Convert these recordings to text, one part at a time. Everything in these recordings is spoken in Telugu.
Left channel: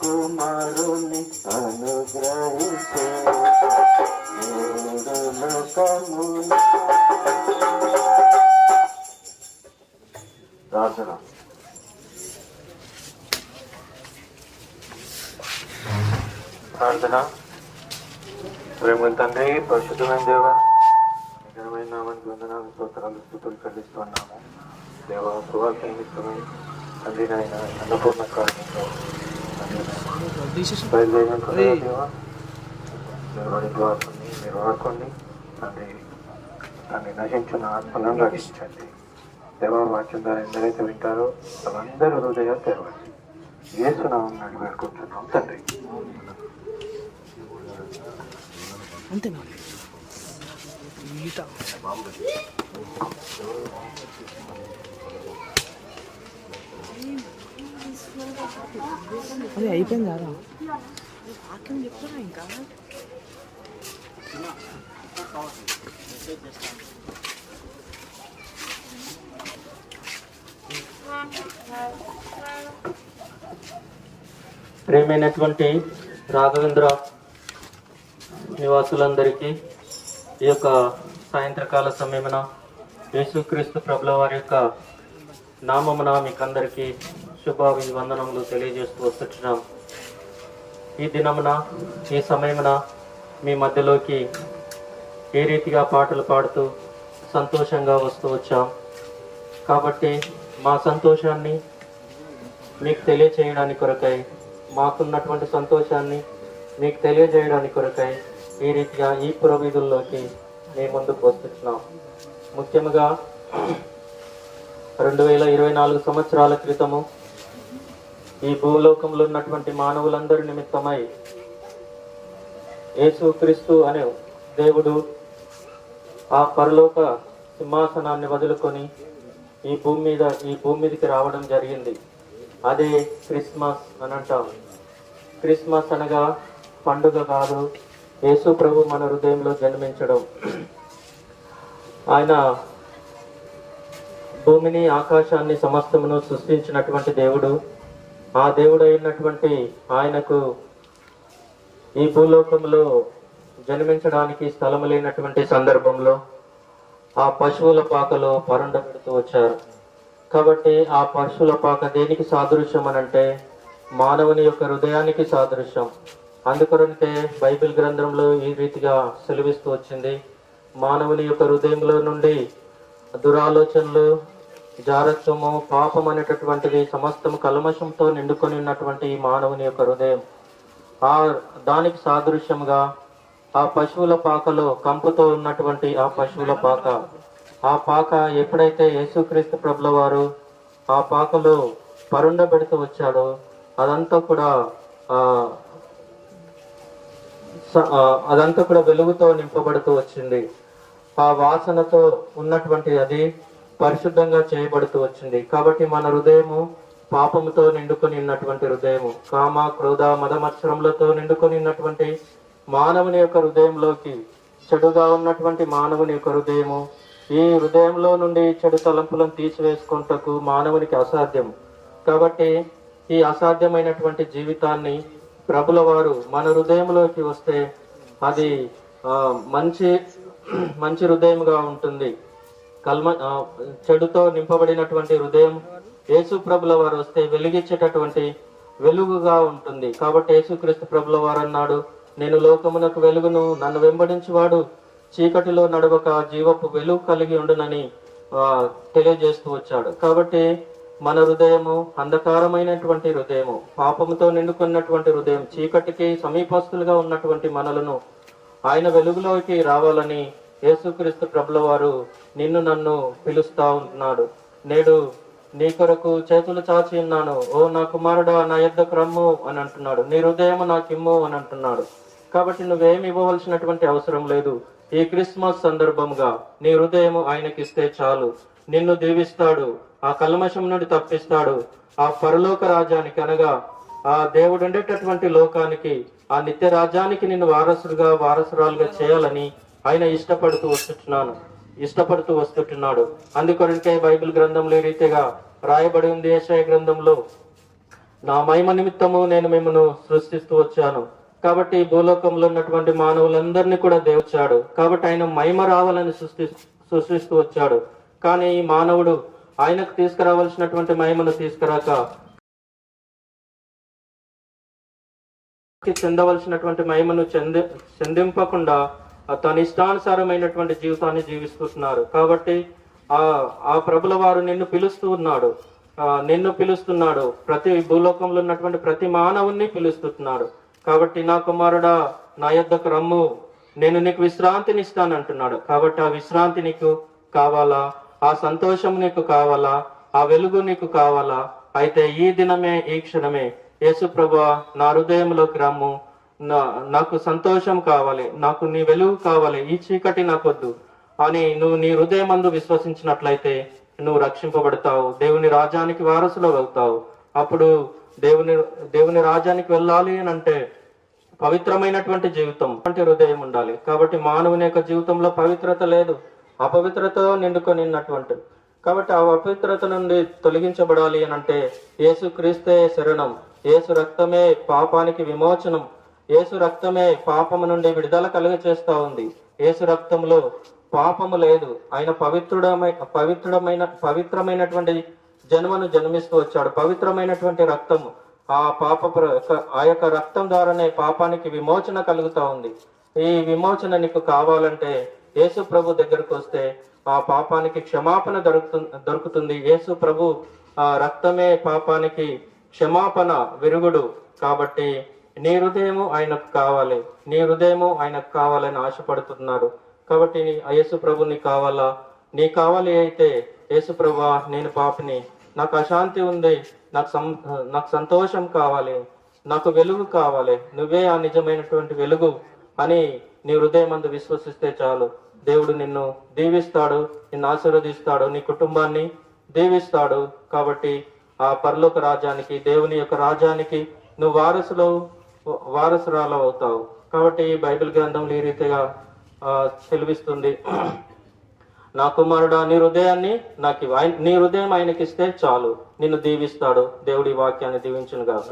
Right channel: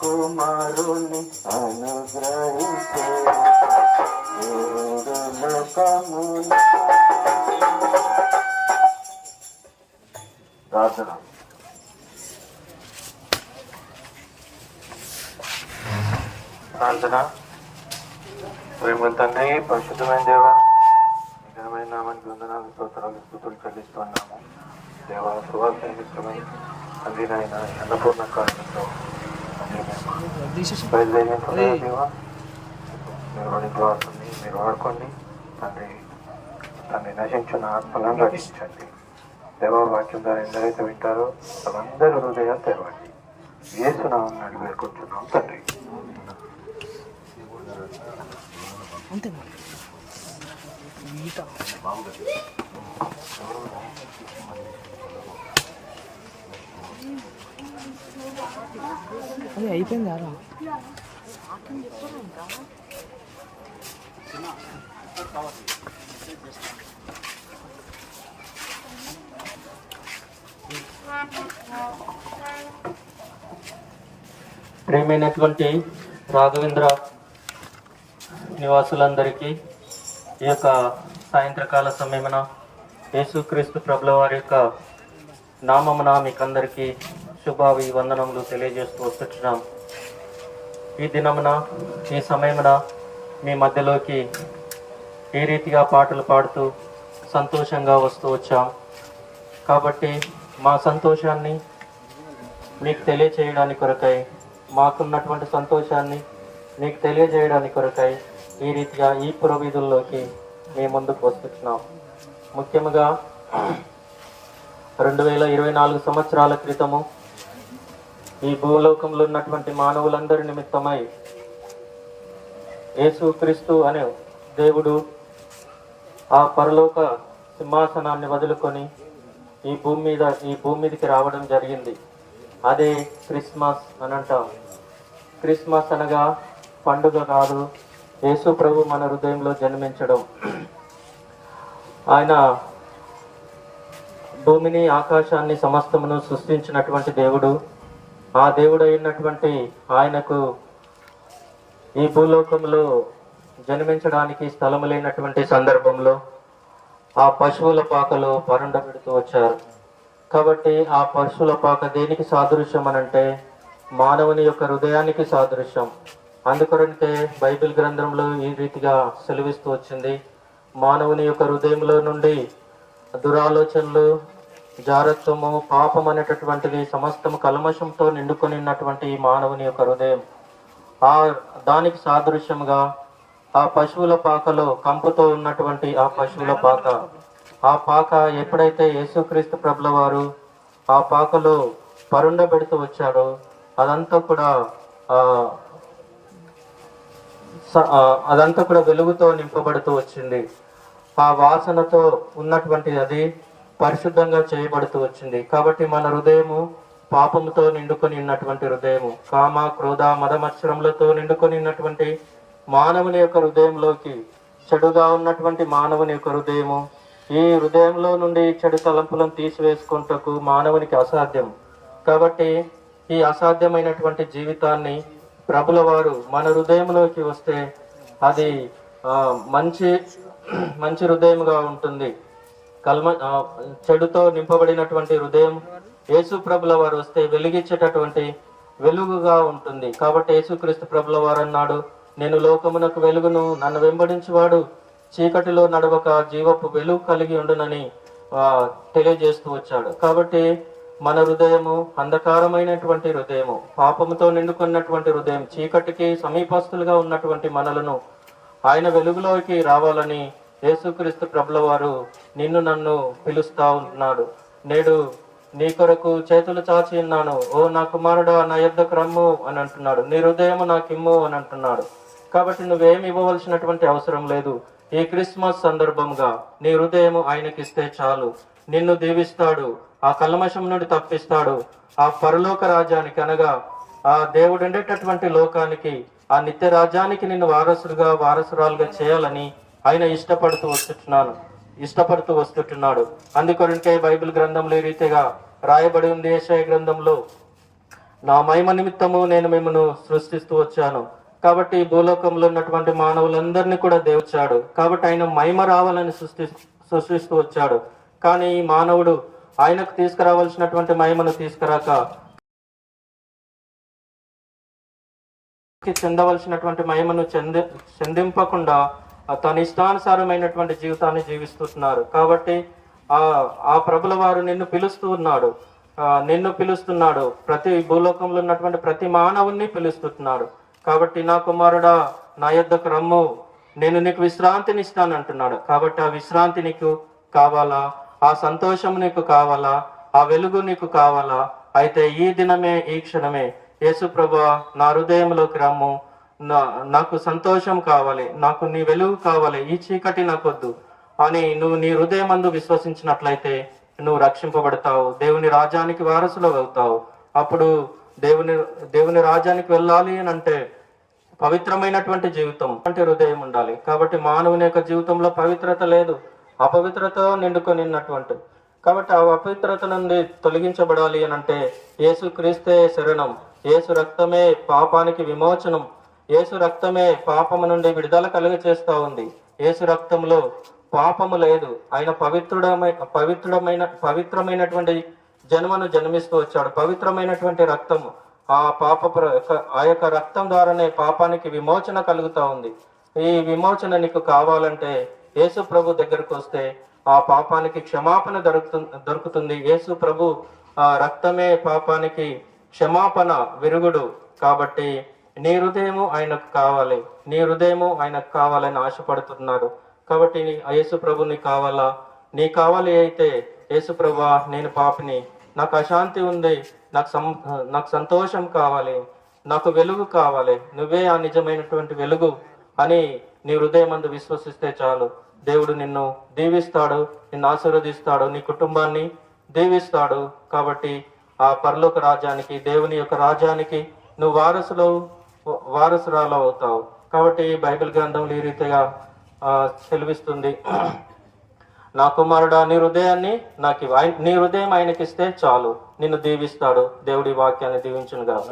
కుమారుని అనుగ్రహించే ప్రార్థన. ప్రేమ తండ్రి, పరిశుద్ధమైన దేవ, నిజమైన నామానికి వందనాలు, స్తోత్రాలు, స్తుతులు చెల్లిస్తున్నాము. దేవ, సువార్త నిమిత్తమై తండ్రి నాయన అన్నపూర్ణ కార్యంలో మీరు వాడుకోండి తండ్రి. తండ్రి నశించిన ఆత్మలను రక్షించండి దేవ. వాక్యం ద్వారా ఎందరైతే వింటారో వాళ్ళందరూ హృదయాలు తెరవండి. యేసు నామమున అడిగి వేడుకుంటున్నాం తండ్రి. అంతేనా? అదే అయిపోయింది ఆరా. ఇంకా ప్రియమైనటువంటి రాఘవేంద్ర నివాసులందరికీ ఈ యొక్క సాయంత్రకాల సమయమున యేసుక్రీస్తు ప్రభుల వారి యొక్క నామమున మీకందరికీ శుభాభివందనములు తెలియజేస్తూ వస్తున్నాం. ఈ దినమున ఈ సమయమున మీ మధ్యలోకి ఏ రీతిగా పాటలు పాడుతూ సంతోషంగా వస్తూ వచ్చాం. కాబట్టి మా సంతోషాన్ని మీకు తెలియచేయడానికి కొరకై, మాకున్నటువంటి సంతోషాన్ని మీకు తెలియజేయడానికి కొరకై ఈ రీతిగా ఈ పురవీధుల్లోకి మేము ముందుకు వస్తున్నాం. ముఖ్యంగా 2024 సంవత్సరాల క్రితము ఈ భూలోకంలో ఉన్నటువంటి మానవులందరి నిమిత్తమై యేసుక్రీస్తు అనే దేవుడు ఆ పరలోక సింహాసనాన్ని వదులుకొని ఈ భూమి మీదకి రావడం జరిగింది. అదే క్రిస్మస్ అని అంటాం. క్రిస్మస్ అనగా పండుగ కాదు, యేసు ప్రభు మన హృదయంలో జన్మించడం. ఆయన భూమిని, ఆకాశాన్ని, సమస్తమును సృష్టించినటువంటి దేవుడు. ఆ దేవుడు అయినటువంటి ఆయనకు ఈ భూలోకంలో జన్మించడానికి స్థలం లేనటువంటి సందర్భంలో ఆ పశువుల పాకలో పరుండ పెడుతూ వచ్చారు. కాబట్టి ఆ పశువుల పాక దేనికి సాదృశ్యం అనంటే మానవుని యొక్క హృదయానికి సాదృశ్యం. అందుకొరంటే బైబిల్ గ్రంథంలో ఈ రీతిగా సెలవిస్తూ వచ్చింది. మానవుని యొక్క హృదయంలో నుండి దురాలోచనలు, జారత్వము, పాపం అనేటటువంటివి సమస్తము కల్మషంతో నిండుకొని ఉన్నటువంటి ఈ మానవుని యొక్క హృదయం, దానికి సాదృశ్యంగా ఆ పశువుల పాకలో కంపుతో ఉన్నటువంటి ఆ పశువుల పాక, ఆ పాక ఎప్పుడైతే యేసుక్రీస్తు ప్రభుల వారు ఆ పాకలో పరుండ పెడుతూ వచ్చాడో అదంతా కూడా వెలుగుతో నింపబడుతూ వచ్చింది. ఆ వాసనతో ఉన్నటువంటి అది పరిశుద్ధంగా చేయబడుతూ వచ్చింది. కాబట్టి మన హృదయము పాపముతో నిండుకొని ఉన్నటువంటి హృదయము, కామ, క్రోధ, మదమత్సరములతో నిండుకొని ఉన్నటువంటి మానవుని యొక్క హృదయంలోకి, చెడుగా ఉన్నటువంటి మానవుని యొక్క హృదయము, ఈ హృదయంలో నుండి చెడు తలంపులను తీసివేసుకుంటకు మానవునికి అసాధ్యం. కాబట్టి ఈ అసాధ్యమైనటువంటి జీవితాన్ని ప్రభుల వారు మన హృదయంలోకి వస్తే అది మంచి హృదయంగా ఉంటుంది. చెడుతో నింపబడినటువంటి హృదయం యేసు ప్రభుల వారు వస్తే వెలిగించేటటువంటి వెలుగుగా ఉంటుంది. కాబట్టి యేసుక్రీస్తు ప్రభుల వారు అన్నాడు, నేను లోకమునకు వెలుగును, నన్ను వెంబడించువాడు చీకటిలో నడవక జీవపు వెలుగు కలిగి ఉండునని తెలియజేస్తూ వచ్చాడు. కాబట్టి మన హృదయము అంధకారమైనటువంటి హృదయము, పాపముతో నిండుకున్నటువంటి హృదయం, చీకటికి సమీపస్తులుగా ఉన్నటువంటి మనలను ఆయన వెలుగులోకి రావాలని యేసుక్రీస్తు ప్రభుల వారు నిన్ను నన్ను పిలుస్తా ఉంటున్నాడు. నేడు నీ కొరకు చేతులు చాచి ఉన్నాను, ఓ నా కుమారుడా నా యొద్దకు రమ్ము అని అంటున్నాడు. నీ హృదయము నాకిమ్ము అని అంటున్నాడు. కాబట్టి నువ్వేమి ఇవ్వవలసినటువంటి అవసరం లేదు. ఈ క్రిస్మస్ సందర్భంగా నీ హృదయము ఆయనకిస్తే చాలు. నిన్ను దీవిస్తాడు, ఆ కల్మషం నుండి తప్పిస్తాడు, ఆ పరలోక రాజ్యానికి అనగా ఆ దేవుడు ఉండేటటువంటి లోకానికి, ఆ నిత్య రాజ్యానికి నిన్ను వారసురాలుగా చేయాలని ఆయన ఇష్టపడుతూ వస్తుంటున్నాడు. అందుకొరకే బైబిల్ గ్రంథంలో ఈ రీతిగా రాయబడి ఉంది. యెషయా గ్రంథంలో, నా మహిమ నిమిత్తము నేను మిమ్మల్ని సృష్టిస్తూ వచ్చాను. కాబట్టి భూలోకంలో ఉన్నటువంటి మానవులందరినీ కూడా దేవుచాడు. కాబట్టి ఆయన మహిమ రావాలని సృష్టిస్తూ వచ్చాడు. కానీ ఈ మానవుడు ఆయనకు తీసుకురావాల్సినటువంటి మహిమను తీసుకురాక, చెందవలసినటువంటి మహిమను చెందింపకుండా తన ఇష్టానుసారమైనటువంటి జీవితాన్ని జీవిస్తున్నారు. కాబట్టి ఆ ప్రభుల వారు నిన్ను పిలుస్తున్నాడు. ప్రతి భూలోకంలో ఉన్నటువంటి ప్రతి మానవుణ్ణి పిలుస్తున్నాడు. కాబట్టి నా కుమారుడా నా యొద్దకు రమ్ము, నేను నీకు విశ్రాంతిని ఇస్తాను అంటున్నాడు. కాబట్టి ఆ విశ్రాంతి నీకు కావాలా? ఆ సంతోషం నీకు కావాలా? ఆ వెలుగు నీకు కావాలా? అయితే ఈ దినమే, ఈ క్షణమే యేసు ప్రభువా నా హృదయంలోకి రమ్ము, నాకు సంతోషం కావాలి, నాకు నీ వెలుగు కావాలి, ఈ చీకటి నాకొద్దు అని నువ్వు నీ హృదయమందు విశ్వసించినట్లయితే నువ్వు రక్షింపబడతావు, దేవుని రాజ్యానికి వారసులు అవుతావు. అప్పుడు దేవుని రాజ్యానికి వెళ్ళాలి అని అంటే పవిత్రమైనటువంటి జీవితం అంటే హృదయం ఉండాలి. కాబట్టి మానవుని యొక్క జీవితంలో పవిత్రత లేదు, అపవిత్రత నిండుకొనిన్నటువంటి. కాబట్టి ఆ అపవిత్రత నుండి తొలగించబడాలి అని అంటే యేసు క్రీస్తే శరణం, యేసు రక్తమే పాపానికి విమోచనం, యేసు రక్తమే పాపము నుండి విడుదల కలుగ చేస్తా ఉంది. యేసు రక్తంలో పాపము లేదు. ఆయన పవిత్రమైనటువంటి జన్మను జన్మిస్తూ వచ్చాడు. పవిత్రమైనటువంటి రక్తము, ఆ యొక్క రక్తం ద్వారానే పాపానికి విమోచన కలుగుతా ఉంది. ఈ విమోచన నీకు కావాలంటే యేసు ప్రభు దగ్గరకు వస్తే ఆ పాపానికి క్షమాపణ దొరుకుతుంది. యేసు ప్రభు ఆ రక్తమే పాపానికి క్షమాపణ, విరుగుడు. కాబట్టి నీ హృదయము ఆయనకు కావాలని ఆశపడుతున్నారు. కాబట్టి యేసు ప్రభు నీకు కావాలా? నీ కావాలి అయితే యేసు ప్రభువా నేను పాపిని, నాకు అశాంతి ఉంది, నాకు సంతోషం కావాలి, నాకు వెలుగు కావాలి, నువ్వే ఆ నిజమైనటువంటి వెలుగు అని నీ హృదయం అందు విశ్వసిస్తే చాలు. దేవుడు నిన్ను దీవిస్తాడు, నిన్ను ఆశీర్వదిస్తాడు, నీ కుటుంబాన్ని దీవిస్తాడు. కాబట్టి ఆ పరలోక రాజ్యానికి, దేవుని యొక్క రాజ్యానికి నువ్వు వారసురాలు అవుతావు. కాబట్టి బైబిల్ గ్రంథంలో ఈ రీతిగా సెలవిస్తుంది, నా కుమారుడా నీ హృదయాన్ని నాకు నీ హృదయం ఆయనకి ఇస్తే చాలు, నిన్ను దీవిస్తాడు. దేవుడి వాక్యాన్ని దీవించును గాక.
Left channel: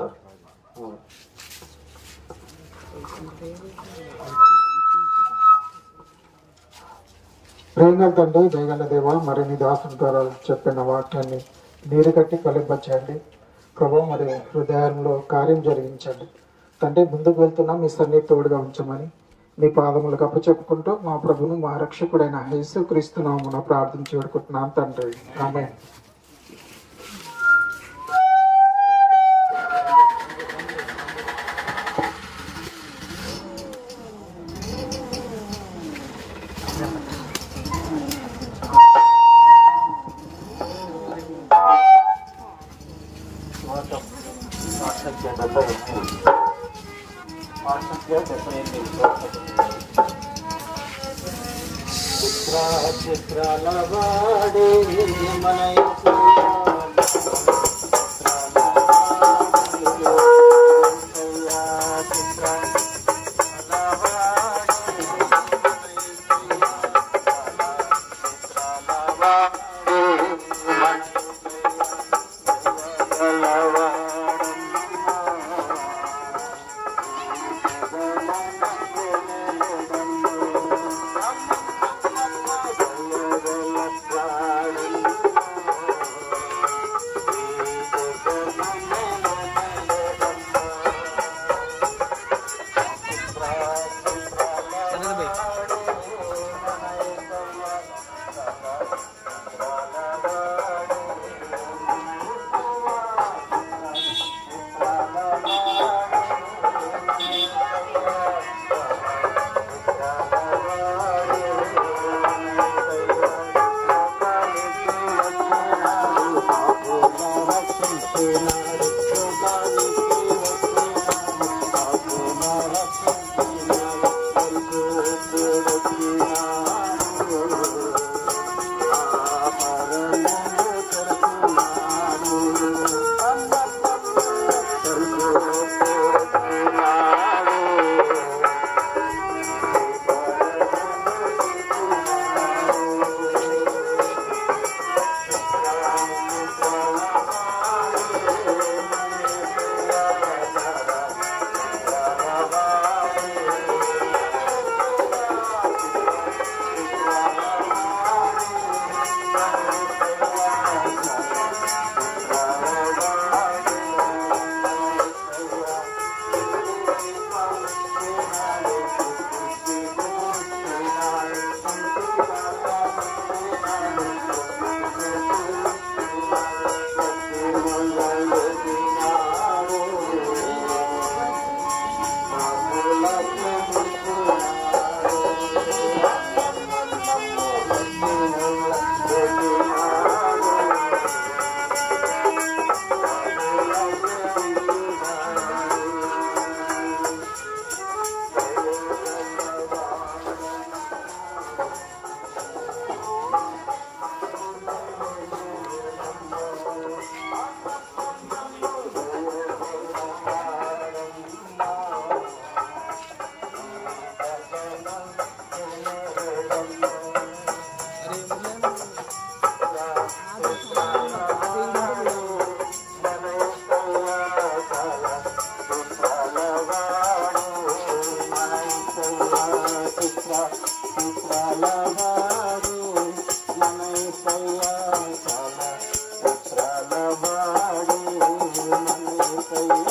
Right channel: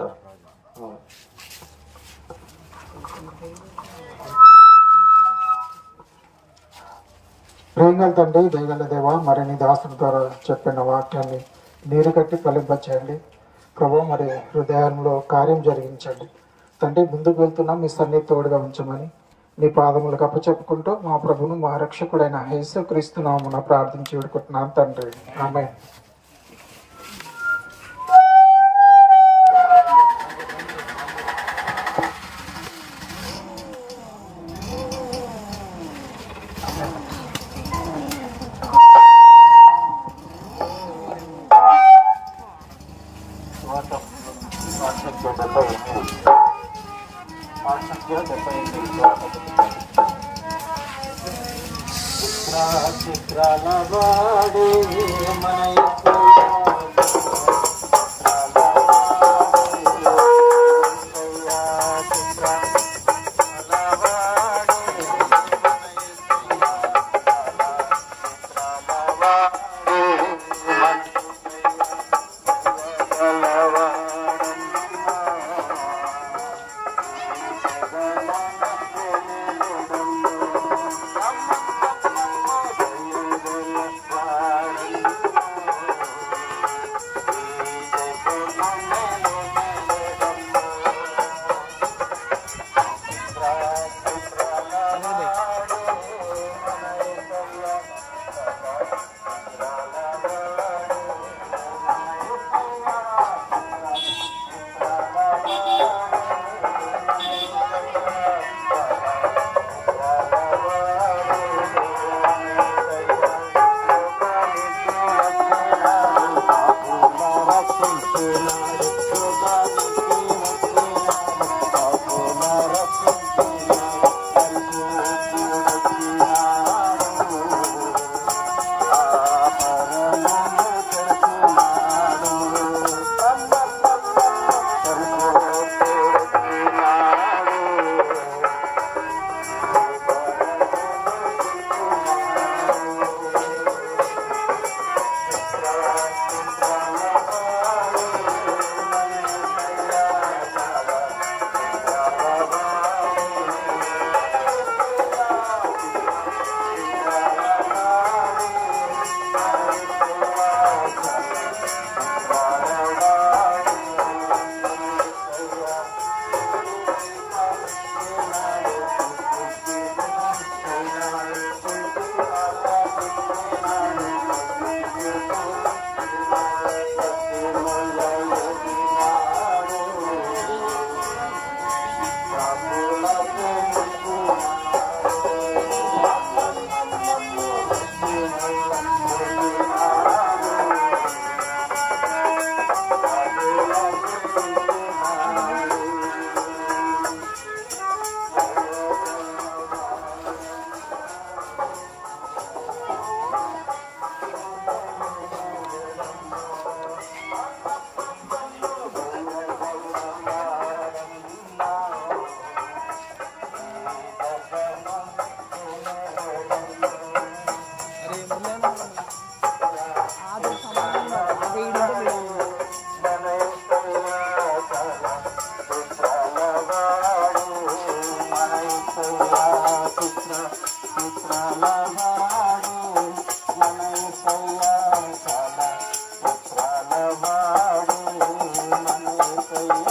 ప్రేమగల తండ్రి, దయగల దేవ, మరి నీ దాసుని ద్వారా చెప్పిన వాక్యాన్ని నీరు కట్టి ఫలింపచేయండి ప్రభు. మరి హృదయంలో కార్యం జరిగించండి తండ్రి. ముందుకు వెళ్తున్నా మీ సన్నిధి తోడుగా ఉంచమని నీ పాదములకు అప్పచెప్పుకుంటూ మా ప్రభును మా రక్షకుడైన యేసుక్రీస్తు నామమున ప్రార్థించి వేడుకుంటున్నాం తండ్రి, ఆమేన్. చిత్రాల వాడే మన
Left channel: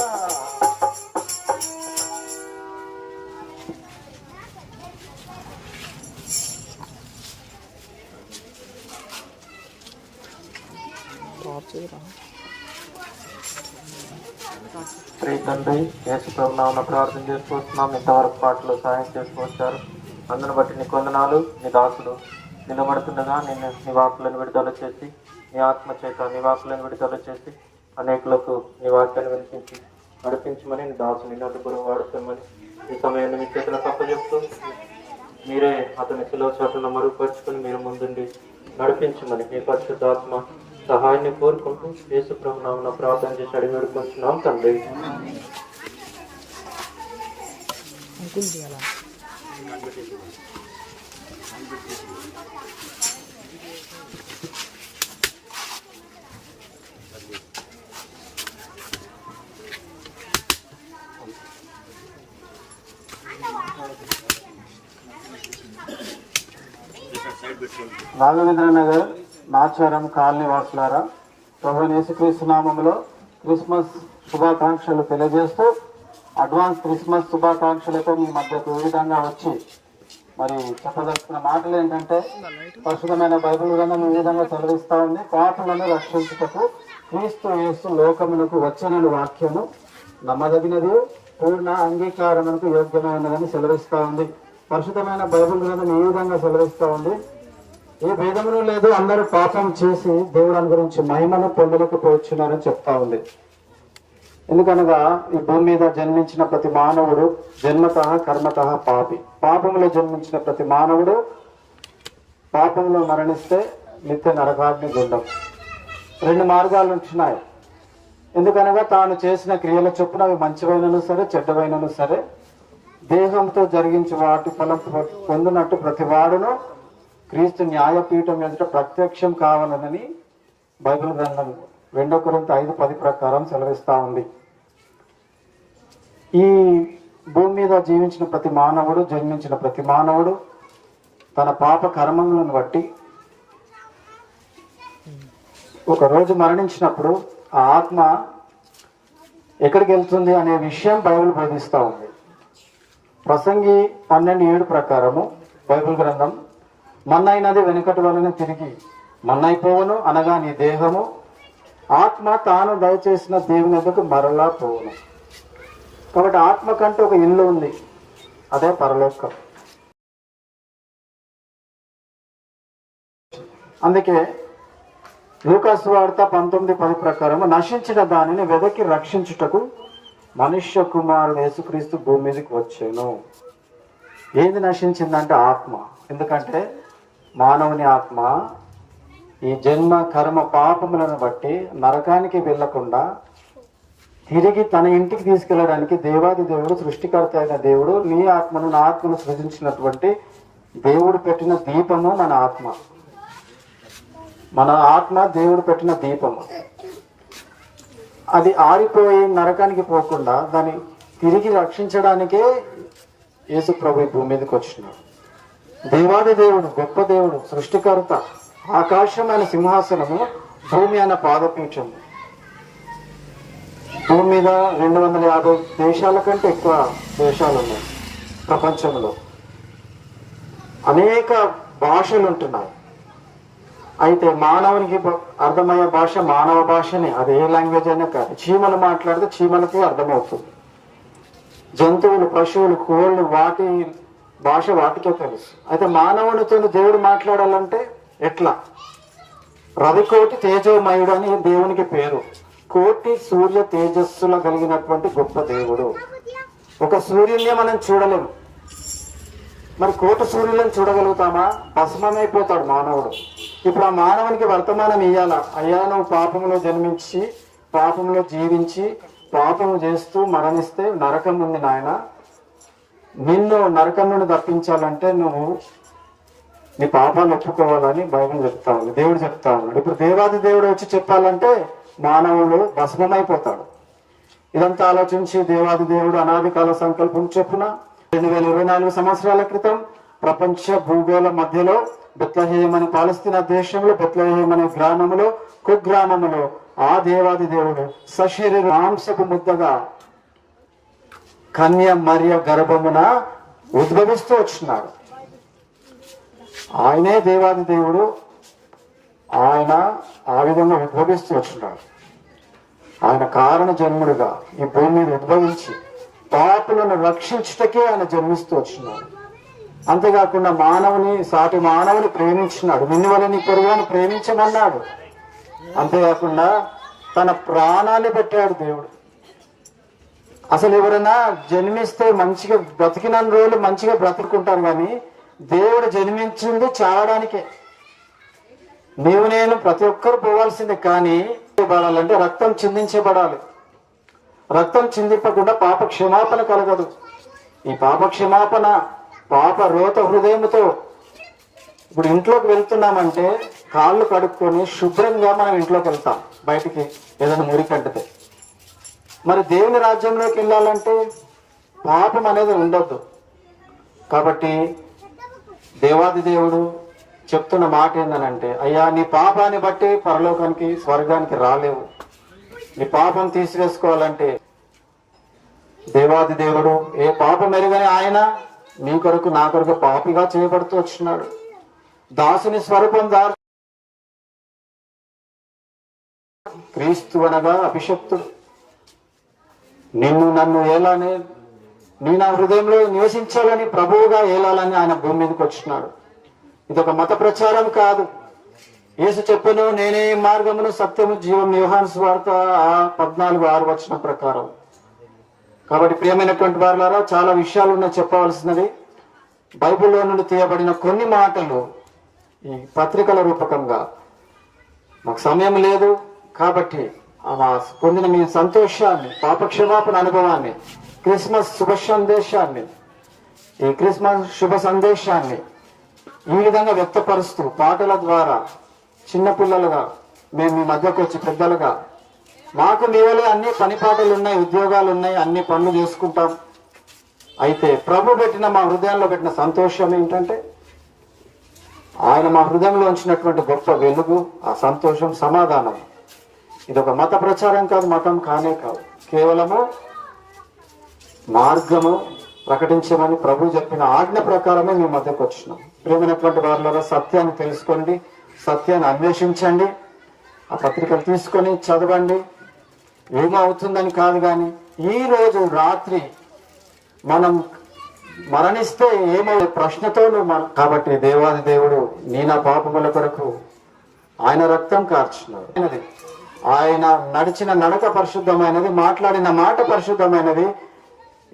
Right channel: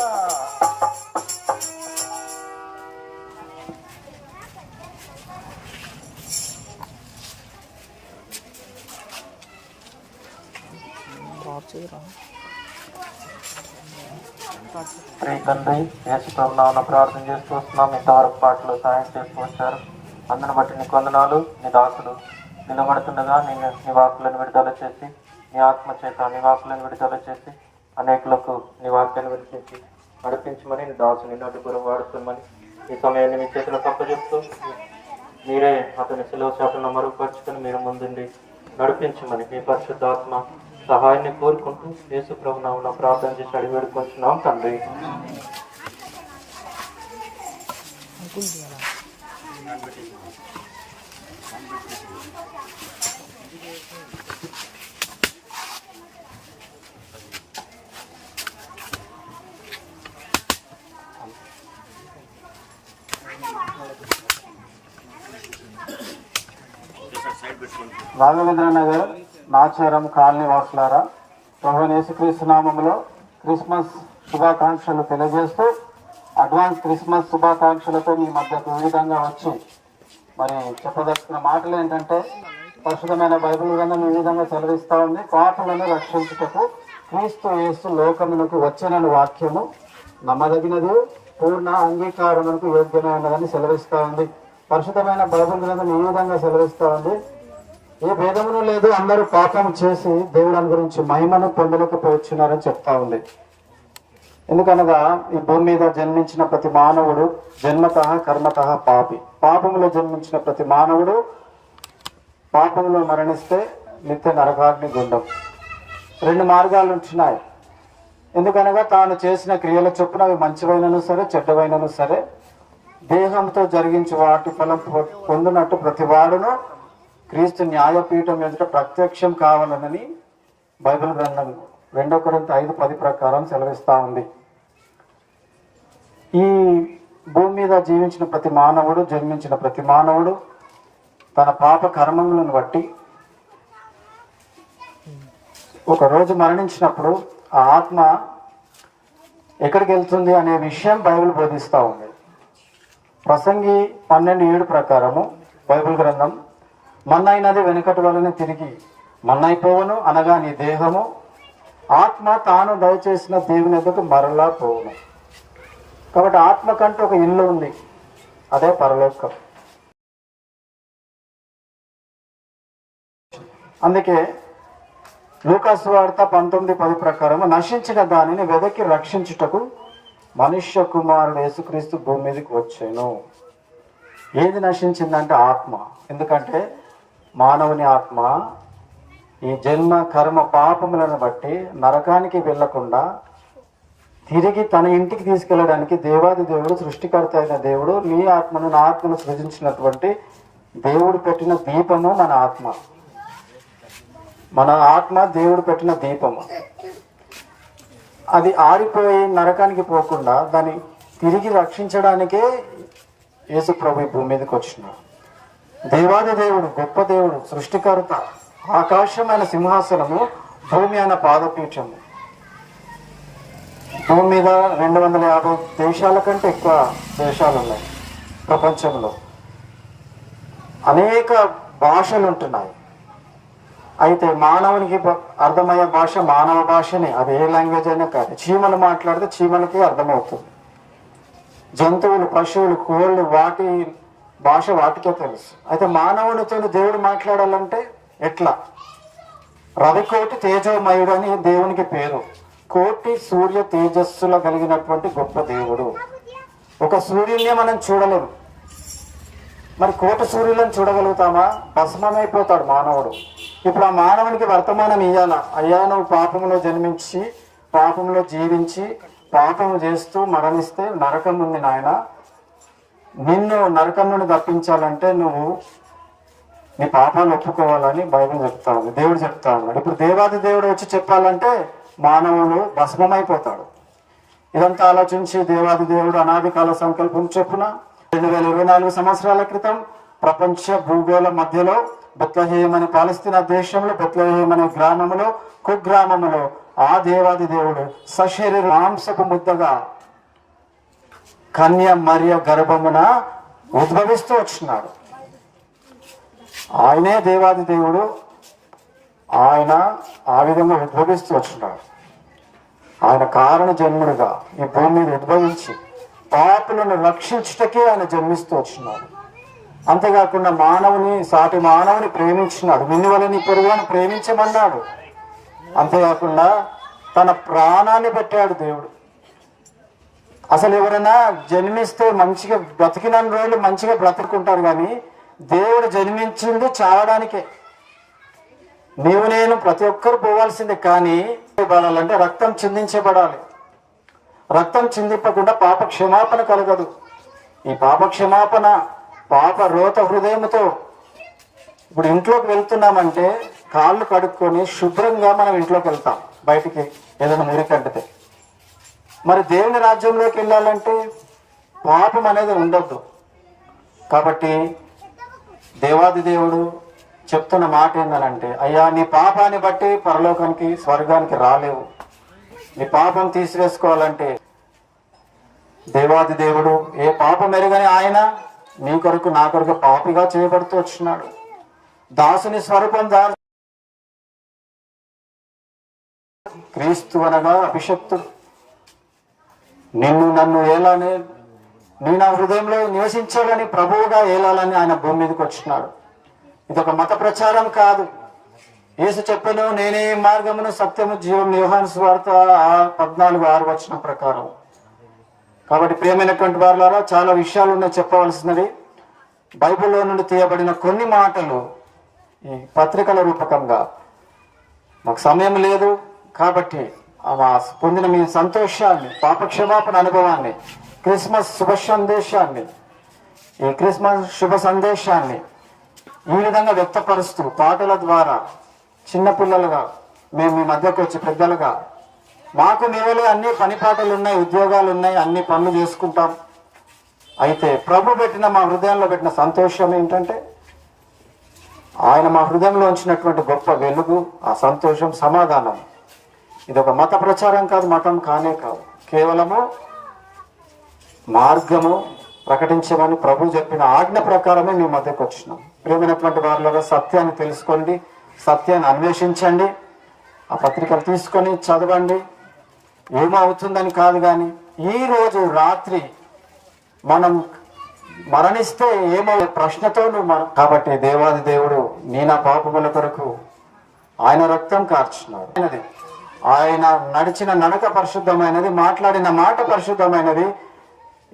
శ్రీ తండ్రి యేసు ప్రభునామమున ప్రార్థన చేస్తూ వస్తున్నాం. ఇంతవరకు పాటలు సహాయం చేస్తూ వచ్చారు. అందును బట్టి నీ వందనాలు. నీ దాసుడు నిలబడుతుండగా నిన్ను నీ వాక్కులను విడుదల చేసి, నీ ఆత్మ చేత నీ వాక్కులను విడుదల చేసి అనేకులకు నీ వాక్యాన్ని వినిపించి నడిపించమని నీ దాసుని నలుగురు వాడుకోమని ఈ సమయాన్ని మీ చేతులకు అప్పచెప్తూ మీరే అతని శిలువ చేపలను మరుగుపరుచుకొని మీరు ముందుండి నడిపించమని మీ పరిశుద్ధాత్మ సహాయాన్ని కోరుకుంటూ యేసు ప్రభునామమున ప్రార్థన చేసి అడిగి వేడుకుంటున్నాం తండ్రి. అంకుల్ తీయాలా? రాఘవేంద్ర నగర్ నాచారం కాలనీ వాసులారా, ప్రభువైన యేసుక్రీస్తు నామములో క్రిస్మస్ శుభాకాంక్షలు తెలియజేస్తూ అడ్వాన్స్ క్రిస్మస్ శుభాకాంక్షలతో మీ మధ్యకు ఈ విధంగా వచ్చి మరి చెప్పదలుచుకున్న మాటలు ఏంటంటే, పరిశుద్ధమైన బైబిల్ గ్రంథం ఈ విధంగా సెలవిస్తా ఉంది. పాపులను రక్షించుటకు క్రీస్తు యేసు లోకమునకు వచ్చనని వాక్యము నమ్మదగినది, పూర్ణ అంగీకారమునకు యోగ్యమైనదని సెలవిస్తా ఉంది. పరిశుద్ధమైన బైబిల్ గ్రంథం ఈ విధంగా సెలవిస్తా ఉంది. ఏ భేదములు లేదు, అందరూ పాపం చేసి దేవుని గురించి మహిమను పొందలేకపోతున్నారని చెప్తా ఉంది. ఎందుకనగా ఈ భూమి మీద జన్మించిన ప్రతి మానవుడు జన్మత కర్మత పాపి. పాపంలో జన్మించిన ప్రతి మానవుడు పాపంలో మరణిస్తే నిత్య నరకాగ్ని గుండం. రెండు మార్గాలు ఉంటున్నాయి. ఎందుకనగా తాను చేసిన క్రియల చొప్పున అవి మంచివైనను సరే చెడ్డవైనను సరే దేహంతో జరిగించి వాటి ఫలం పొందినట్టు ప్రతి వాడును క్రీస్తు న్యాయపీఠం ఎదుట ప్రత్యక్షం కావాలనని బైబిల్ గ్రంథం 2 కొరింథీ 5:10 ప్రకారం సెలవిస్తా ఉంది. ఈ భూమి మీద జీవించిన ప్రతి మానవుడు, జన్మించిన ప్రతి మానవుడు తన పాప కర్మములను బట్టి ఒక రోజు మరణించినప్పుడు ఆ ఆత్మ ఎక్కడికి వెళ్తుంది అనే విషయం బైబిల్ బోధిస్తూ ఉంది. ప్రసంగి 12:7 ప్రకారము బైబిల్ గ్రంథం, మన్నైనది వెనుకటి వలన తిరిగి మన్నైపోవను, అనగా నీ దేహము ఆత్మ తాను దయచేసిన దేవుని ఎదుగు మరలా పోవును. కాబట్టి ఆత్మ కంటే ఒక ఇల్లు ఉంది, అదే పరలోకం. అందుకే లూకా సువార్త 19:10 ప్రకారం నశించిన దానిని వెదకి రక్షించుటకు మనుష్య కుమారుడు యేసుక్రీస్తు భూమి మీదకి వచ్చాను. ఏది నశించిందంటే ఆత్మ. ఎందుకంటే మానవుని ఆత్మ ఈ జన్మ కర్మ పాపములను బట్టి నరకానికి వెళ్లకుండా తిరిగి తన ఇంటికి తీసుకెళ్ళడానికి దేవాది దేవుడు, సృష్టికర్త అయిన దేవుడు నీ ఆత్మను నా ఆత్మను సృజించినటువంటి దేవుడు పెట్టిన దీపము మన ఆత్మ. మన ఆత్మ దేవుడు పెట్టిన దీపము. అది ఆరిపోయి నరకానికి పోకుండా దాన్ని తిరిగి రక్షించడానికే యేసు ప్రభు భూమి మీదకి వచ్చినాడు. దేవాది దేవుడు, గొప్ప దేవుడు, సృష్టికర్త, ఆకాశమైన సింహాసనము, భూమి అన్న పాదపీఠము. భూమి మీద 250 దేశాల కంటే ఎక్కువ దేశాలు ఉన్నాయి ప్రపంచంలో. అనేక భాషలు ఉంటున్నాయి. అయితే మానవునికి అర్థమయ్యే భాష మానవ భాషనే, అది ఏ లాంగ్వేజ్ అయినా కాదు. చీమలు మాట్లాడితే చీమలకి అర్థమవుతుంది. జంతువులు, పశువులు, కోళ్ళు, వాటి భాష వాటికే తెలుసు. అయితే మానవునితో దేవుడు మాట్లాడాలంటే ఎట్లా? రవికోటి తేజోమయుడు అని దేవునికి పేరు. కోటి సూర్య తేజస్సుల కలిగినటువంటి గొప్ప దేవుడు. ఒక సూర్యున్నే మనం చూడలేము, మరి కోటి సూర్యులను చూడగలుగుతామా? భస్మమైపోతాడు మానవుడు. ఇప్పుడు ఆ మానవునికి వర్తమానం ఇయ్యాలా, అయ్యా నువ్వు పాపంలో జన్మించి పాపంలో జీవించి పాపము చేస్తూ మరణిస్తే నరకం ఉంది నాయన, నిన్ను నరకం నుండి తప్పించాలంటే నువ్వు నీ పాపాలు ఒప్పుకోవాలని బైబిల్ చెప్తా ఉంది, దేవుడు చెప్తా ఉన్నాడు. ఇప్పుడు దేవాది దేవుడు వచ్చి చెప్పాలంటే మానవుడు భస్మమైపోతాడు. ఇదంతా ఆలోచించి దేవాది దేవుడు అనాది కాల సంకల్పం చొప్పున 2024 సంవత్సరాల క్రితం ప్రపంచ భూగోళ మధ్యలో బెత్లెహేమ్ అనే పాలస్తీనా దేశంలో బెత్లెహేమ్ అనే గ్రామంలో కుగ్రామంలో ఆ దేవాది దేవుడు సశరీర మాంసపు ముద్దగా కన్య మరియ గర్భమున ఉద్భవిస్తూ వచ్చినాడు. ఆయనే దేవాది దేవుడు. ఆయన ఆ విధంగా ఉద్భవిస్తూ వచ్చినాడు. ఆయన కారణ జన్ముడుగా ఈ భూమి మీద ఉద్భవించి పాపులను రక్షించుటకే ఆయన జన్మిస్తూ వచ్చినాడు. అంతేకాకుండా సాటి మానవుని ప్రేమించినాడు. నిన్ను వల్ల నీ పొరుగుని ప్రేమించమన్నాడు. అంతేకాకుండా తన ప్రాణాన్ని పెట్టాడు దేవుడు. అసలు ఎవరైనా జన్మిస్తే మంచిగా బ్రతికిన రోజులు మంచిగా బ్రతుకుంటారు, కానీ దేవుడు జన్మించింది చావడానికే. నేను ప్రతి ఒక్కరు పోవాల్సిందే, కానీ పడాలంటే రక్తం చిందించబడాలి. రక్తం చిందింపకుండా పాప క్షమాపణ కలగదు. ఈ పాప క్షమాపణ పాప రోత హృదయంతో ఇప్పుడు ఇంట్లోకి వెళ్తున్నామంటే కాళ్ళు కడుక్కొని శుభ్రంగా మనం ఇంట్లోకి వెళ్తాం, బయటికి ఏదైనా మురికంటితే. మరి దేవుని రాజ్యంలోకి వెళ్ళాలంటే పాపం అనేది ఉండొద్దు. కాబట్టి దేవాది దేవుడు చెప్తున్న మాట ఏంటనంటే, అయ్యా నీ పాపాన్ని బట్టి పరలోకానికి స్వర్గానికి రాలేవు. నీ పాపం తీసివేసుకోవాలంటే దేవాది దేవుడు ఏ పాపం ఎరుగని ఆయన నీ కొరకు నా కొరకు పాపిగా చేయబడుతూ వచ్చినాడు. దాసుని స్వరూపం క్రీస్తు అనగా అభిషక్తుడు. నిన్ను నన్ను ఏలానే నీ నా హృదయంలో నివసించాలని ప్రభువుగా ఏలాలని ఆయన భూమి మీదకి వచ్చినాడు. ఇదొక మత ప్రచారం కాదు. యేసు చెప్పెను, నేనే మార్గమును సత్యము జీవం, యోహాను సువార్త 14:6 ప్రకారం. కాబట్టి ప్రియమైనటువంటి వారులారా, చాలా విషయాలు ఉన్నాయి చెప్పవలసినవి. బైబిల్లో నుండి తీయబడిన కొన్ని మాటలు ఈ పత్రికల రూపకంగా మాకు సమయం లేదు కాబట్టి పొందిన మీ సంతోషాన్ని, పాపక్షమాపణ అనుభవాన్ని, క్రిస్మస్ శుభ సందేశాన్ని, ఈ క్రిస్మస్ శుభ సందేశాన్ని ఈ విధంగా వ్యక్తపరుస్తూ పాటల ద్వారా చిన్నపిల్లలుగా మేము మీ మధ్యకు వచ్చి పెద్దలుగా, మాకు మీవలే అన్ని పని పాటలు ఉన్నాయి, ఉద్యోగాలు ఉన్నాయి, అన్ని పనులు చేసుకుంటాం. అయితే ప్రభు పెట్టిన మా హృదయంలో పెట్టిన సంతోషం ఏంటంటే ఆయన మా హృదయంలో ఉంచినటువంటి గొప్ప వెలుగు, ఆ సంతోషం, సమాధానం. ఇదొక మత ప్రచారం కాదు, మతం కానే కాదు. కేవలము మార్గము ప్రకటించమని ప్రభు చెప్పిన ఆజ్ఞ ప్రకారమే మీ మధ్యకు వచ్చినాం. ప్రేమైనటువంటి వారిలో సత్యాన్ని తెలుసుకోండి, సత్యాన్ని అన్వేషించండి, ఆ పత్రికలు తీసుకొని చదవండి. ఏమవుతుందని కాదు, కానీ ఈ రోజు రాత్రి మనం మరణిస్తే ఏమయ్యే ప్రశ్నతో కాబట్టి దేవాది దేవుడు నీ నా పాపముల కొరకు ఆయన రక్తం కార్చున్నాడు. ఆయన నడిచిన నడక పరిశుద్ధమైనది, మాట్లాడిన మాట పరిశుద్ధమైనది,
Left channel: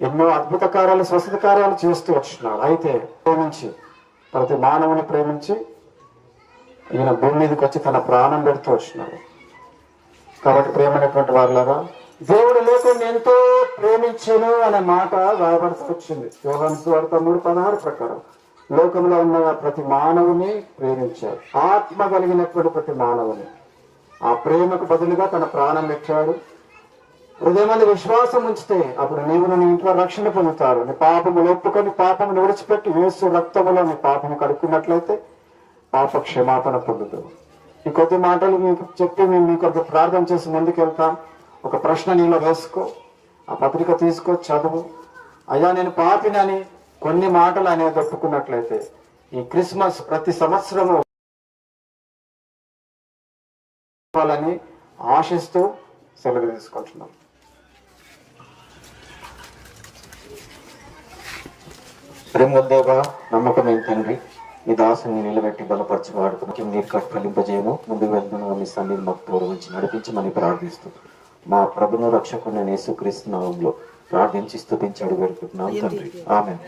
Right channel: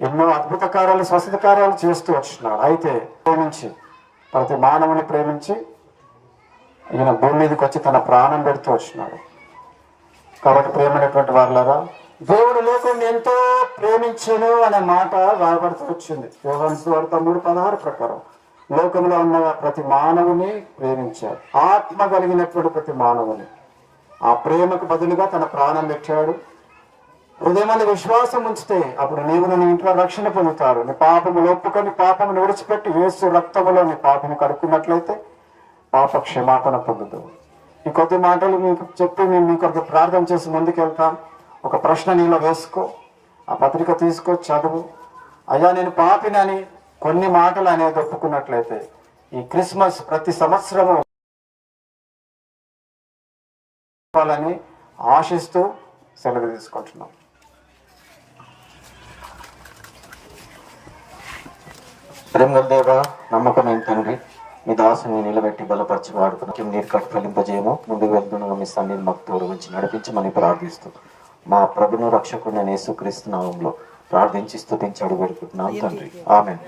ఎన్నో అద్భుత కార్యాలు, స్వస్థత కార్యాలు చేస్తూ వచ్చినాడు. అయితే ప్రేమించి ప్రతి మానవుని ప్రేమించి ఈయన భూమి మీదకి వచ్చి తన ప్రాణం పెడుతూ వచ్చినాడు. కాబట్టి ప్రేమైనటువంటి వారులారా, దేవుడు లోకాన్ని ఎంతో ప్రేమించను అనే మాట రాబడుతూ వచ్చింది. యోహాను సువార్త 3:16 ప్రకారం లోకంలో ఉన్న ప్రతి మానవుని ప్రేమించాడు. ఆత్మ కలిగినటువంటి ప్రతి మానవుని ఆ ప్రేమకు బదులుగా తన ప్రాణం పెట్టాడు. హృదయమందు విశ్వాసం ఉంచితే అప్పుడు నీవు నీ ఇంట్లో రక్షణ పొందుతారు. నీ పాపములు ఒప్పుకొని పాపమును విడిచిపెట్టి యేసు రక్తములో నీ పాపము కడుక్కున్నట్లయితే పాప క్షమాపణ పొందుతావు. ఈ కొద్ది మాటలు మీకు చెప్పి మేము మీ కొరకు ప్రార్థన చేసి ముందుకెళ్తాం. ఒక ప్రశ్న నీలో వేసుకో, ఆ పత్రిక తీసుకో, చదువు. అయ్యా నేను పాపినని కొన్ని మాటలు అనేది ఒప్పుకున్నట్లయితే ఈ క్రిస్మస్ ప్రతి సంవత్సరము అని ఆశిస్తూ సెలవు తీసుకుంటున్నాం. ప్రేమదేవ, నమ్మకమైన తండ్రి, మీ దాసుని నిలబెట్టి బలపరిచి వాడుకున్న నీరు కట్టి ఫలింపజేయము. ముందుకు వెళ్తున్న మీ సన్నిధిని మాకు గౌరవించి నడిపించమని ప్రార్థిస్తున్నాం. మా ప్రభును రక్షకుడిని యేసుక్రీస్తు నామములో ప్రార్థించి స్తుతించి అడుగు పెడుతున్నాం తండ్రి, ఆమేన్.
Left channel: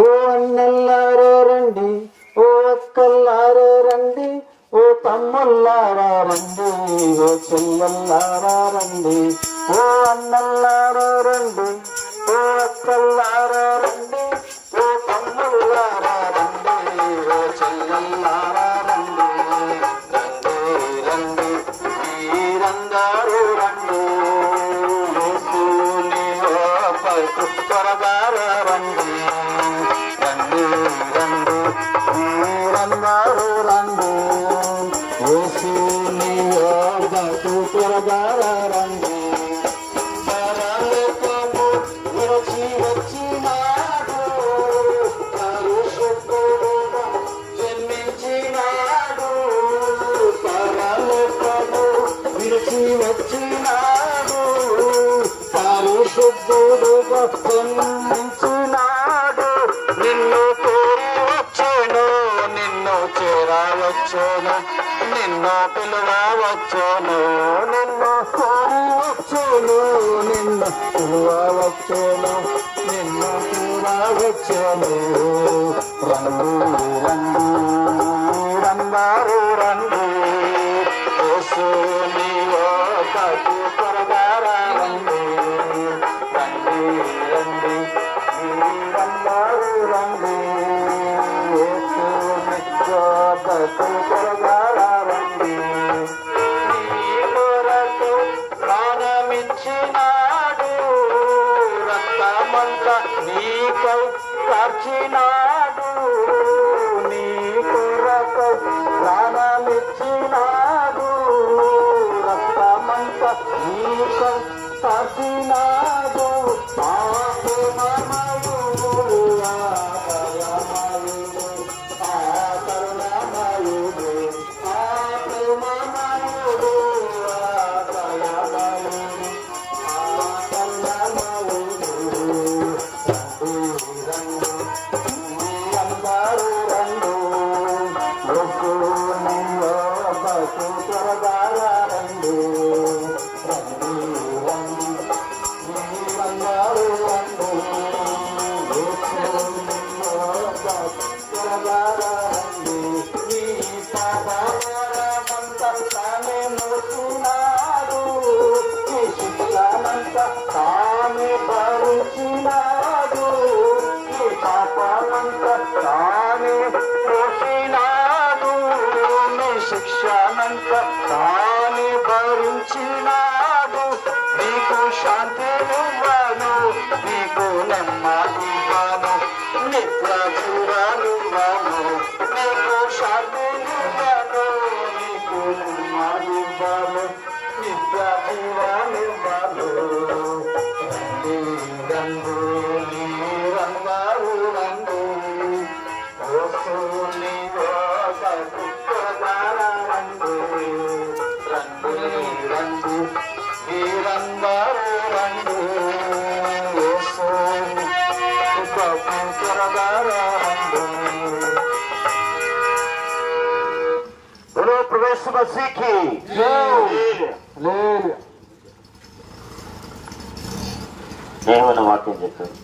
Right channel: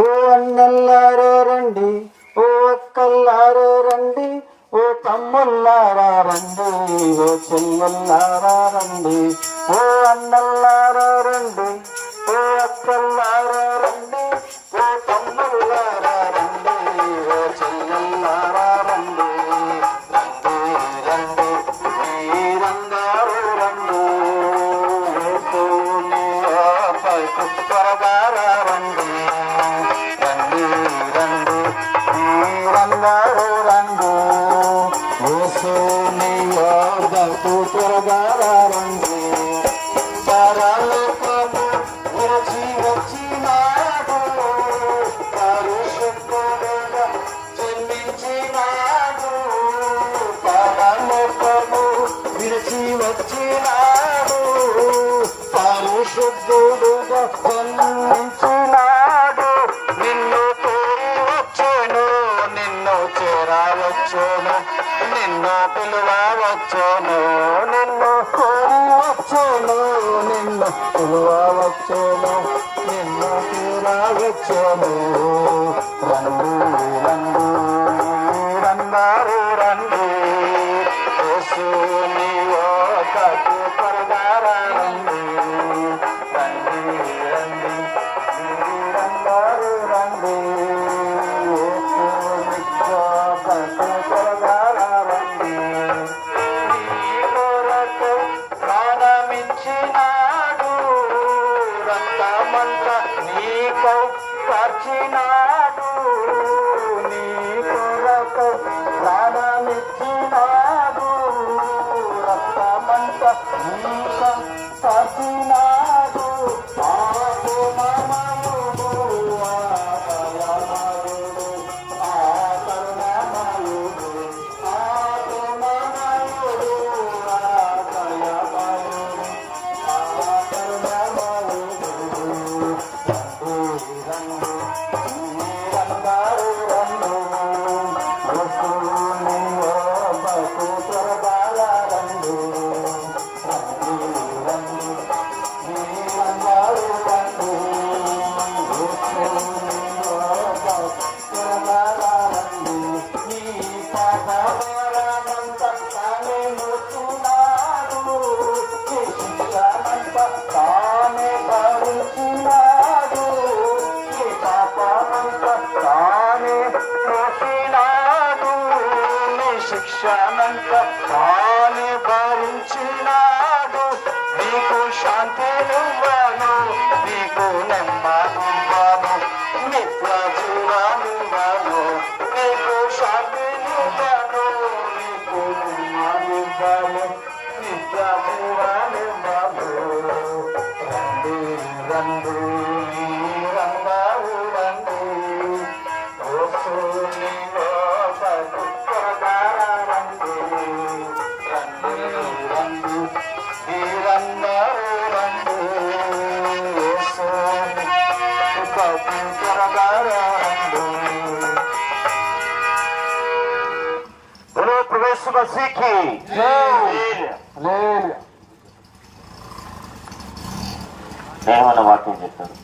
ఓ అన్నల్లారా రండి, ఓ అక్కల్లారా రండి, ఓ తమ్ముల్లారా రండి, ఓ చెల్లెల్లారా రండి, ఓ అన్నల్లారా రండి, ఓ అక్కల్లారా రండి, ఓ తమ్ముల్లారా రండి, ఓ చెల్లెల్లారా రండి, రండి రండి రంగారు రండి, త్వరగా రండి, రండి రండి రంగారు రండి, యేసు నీ యోగ బతు త్వరగా రండి. పరలోకము విరచి వచ్చినాడు, పరిశుద్ధుడుగా జన్మించినాడు. పరలోకము విరచి వచ్చినాడు, పరిశుద్ధుడుగా జన్మించినాడు. నిన్ను కోరి వచ్చాను, నిన్ను చేరవచ్చాను, నిన్ను పిలువవచ్చాను. నిన్ను కోరి వచ్చాను, నిన్ను పిలువవచ్చాను, నిన్ను చేరవచ్చాను. రండి రండి రందారు రండి, యేసుని యొద్దకు త్వరగా రండి. రండి రండి రందారు రండి, యేసుని యొద్దకు త్వరగా రండి. నీ కొరకు ప్రాణమిచ్చినాడు, రక్తమంతా నీకై కార్చినాడు. నీ కొరకు ప్రాణమిచ్చినాడు, రక్తమంతా నీకై కార్చినాడు. పాపమయుడు, ఆపదమయుడు, ఆకరుణమయుడు, ఆప్రేమమయుడు, ఆదయమయుడు, ఆకరుణమయుడు. రండి రందారు రండి, యేసుని యొద్దకు త్వరగా రండి. రండి రండి రందారు రండి, యేసుని యొద్దకు త్వరగా రండి. నీ పాపభారమంతా తానే మోస్తున్నాడు, నీ శిక్షనంతా తానే భరించినాడు. నీ పాపమంతా తానే మోసినాడు, నీ శిక్షనంతా తానే భరించినాడు. నీకు శాంతినివ్వను, నీకు నెమ్మదివ్వను, నిత్య జీవనివ్వను. నీకు శాంతినివ్వను, నీకు నెమ్మదివ్వను, నిత్య జీవనివ్వను. రండి రండి రందారు రండి, యేసుని యొద్దకు త్వరగా రండి. రండి రండి రందారు రండి, యేసుని యొద్దకు త్వరగా రండి. बोलो प्रवेश मसीह की ఏమన్నా వాక్యం చెప్పారు.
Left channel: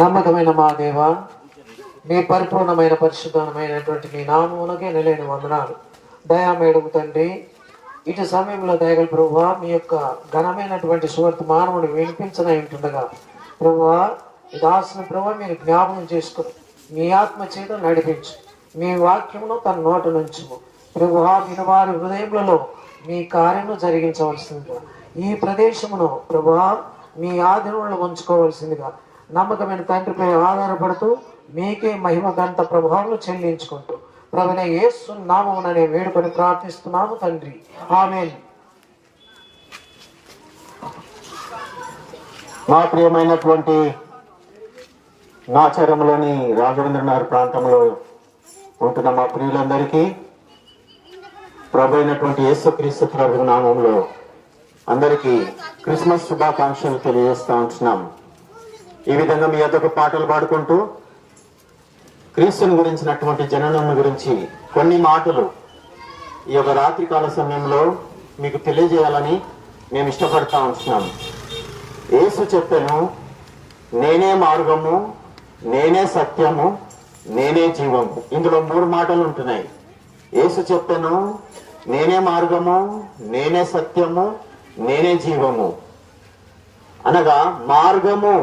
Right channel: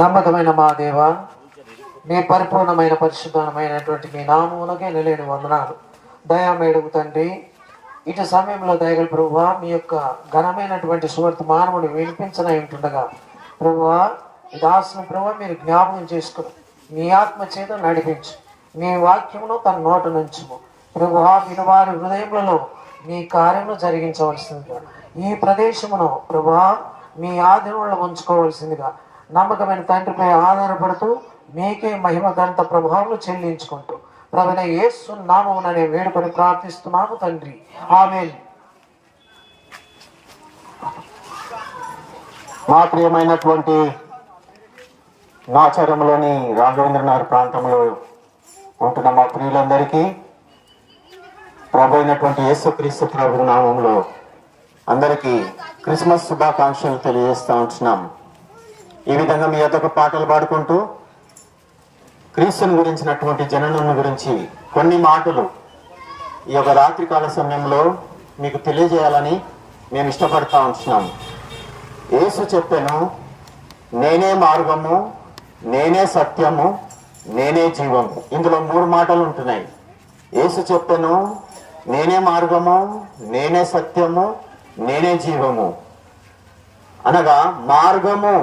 నమ్మకమైన మా దేవ, మీ పరిపూర్ణమైన పరిశుద్ధమైనటువంటి మీ నామమునకే నిలేని వందనాలు. దయామేడుగు తండ్రి, ఇటు సమయంలో దయగల ప్రభువా, మీ యొక్క ఘనమైనటువంటి సువర్తమానమును వినిపించనై ఉంటుండగా ప్రభువా, ఈ దాసుని ప్రభువా మీరు జ్ఞాపకం చేసుకుని మీ ఆత్మ చేత నడిపించు, మీ వాక్యమును తన నోట నుంచుము ప్రభువా. వినవారి హృదయములలో మీ కార్యము జరిగించవలసిందిగా, ఈ ప్రదేశమును ప్రభువా మీ ఆధీనంలో ఉంచుకోవలసిందిగా నమ్మకమైన తండ్రిపై ఆధారపడుతూ మీకే మహిమ గంత ప్రభావం చెల్లించుకుంటూ ప్రభువైన యేసు నామముననే వేడుకొని ప్రార్థిస్తున్నాము తండ్రి, ఆమేన్. మా ప్రియమైనటువంటి నాచారంలోని రాఘవేంద్రనగర్ ప్రాంతంలో ఉంటున్న మా ప్రియులందరికీ ప్రభు అయినటువంటి యేసుక్రీస్తు ప్రభు నామంలో అందరికీ క్రిస్మస్ శుభాకాంక్షలు తెలియజేస్తా ఉంటున్నాం. ఈ విధంగా మీ యొద్దకు పాటలు పాడుకుంటూ క్రీస్తుని గురించినటువంటి జననం గురించి కొన్ని మాటలు ఈ యొక్క రాత్రికాల సమయంలో మీకు తెలియజేయాలని మేము ఇష్టపడతా ఉంటున్నాం. యేసు చెప్పాను, నేనే మార్గము, నేనే సత్యము, నేనే జీవము. ఇందులో 3 మాటలు ఉంటున్నాయి. యేసు చెప్పాను, నేనే మార్గము, నేనే సత్యము, నేనే జీవము. అనగా మార్గము.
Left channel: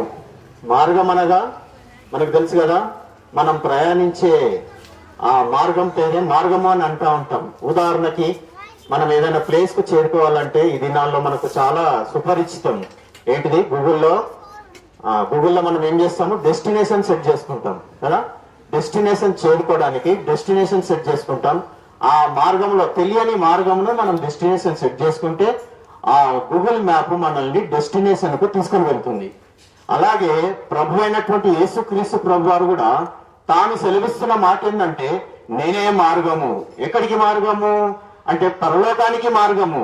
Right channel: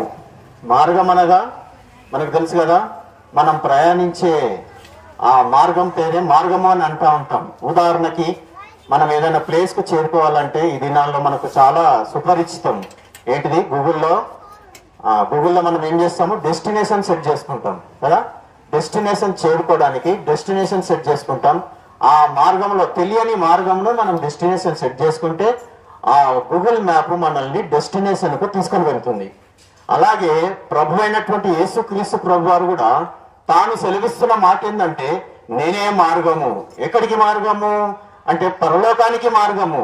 మార్గం అనగా మనకు తెలుసు కదా, మనం ప్రయాణించే ఆ మార్గం పేరే మార్గము అని అంటూ ఉంటాం. ఉదాహరణకి మనం ఏదైనా ప్లేస్ కు చేరుకోవాలంటే ఈ దినాల్లో మనకు చాలా సుపరిచితం ఏంటిది, గూగుల్లో మనం ఏం చేస్తాము, డెస్టినేషన్ సెట్ చేసుకుంటాం కదా. డెస్టినేషన్ చేరుకోవడానికి డెస్టినేషన్ సెట్ చేసుకుంటాం. ఆ మార్గంలో తెలియని మార్గంలో మనం డెస్టినేషన్ సెట్ చేసుకుంటే ఆ గూగుల్ మ్యాప్ మనల్ని డెస్టినేషన్ కు తీసుకొని వెళ్తుంది. అలాగే ప్రభు అయినటువంటి యేసుక్రీస్తు ప్రభు వారు కూడా తాను సెలవిస్తున్న మాట ఏంటంటే నేనే మార్గము. ఎక్కడికి మార్గము అంటే పరలోకానికి మార్గము.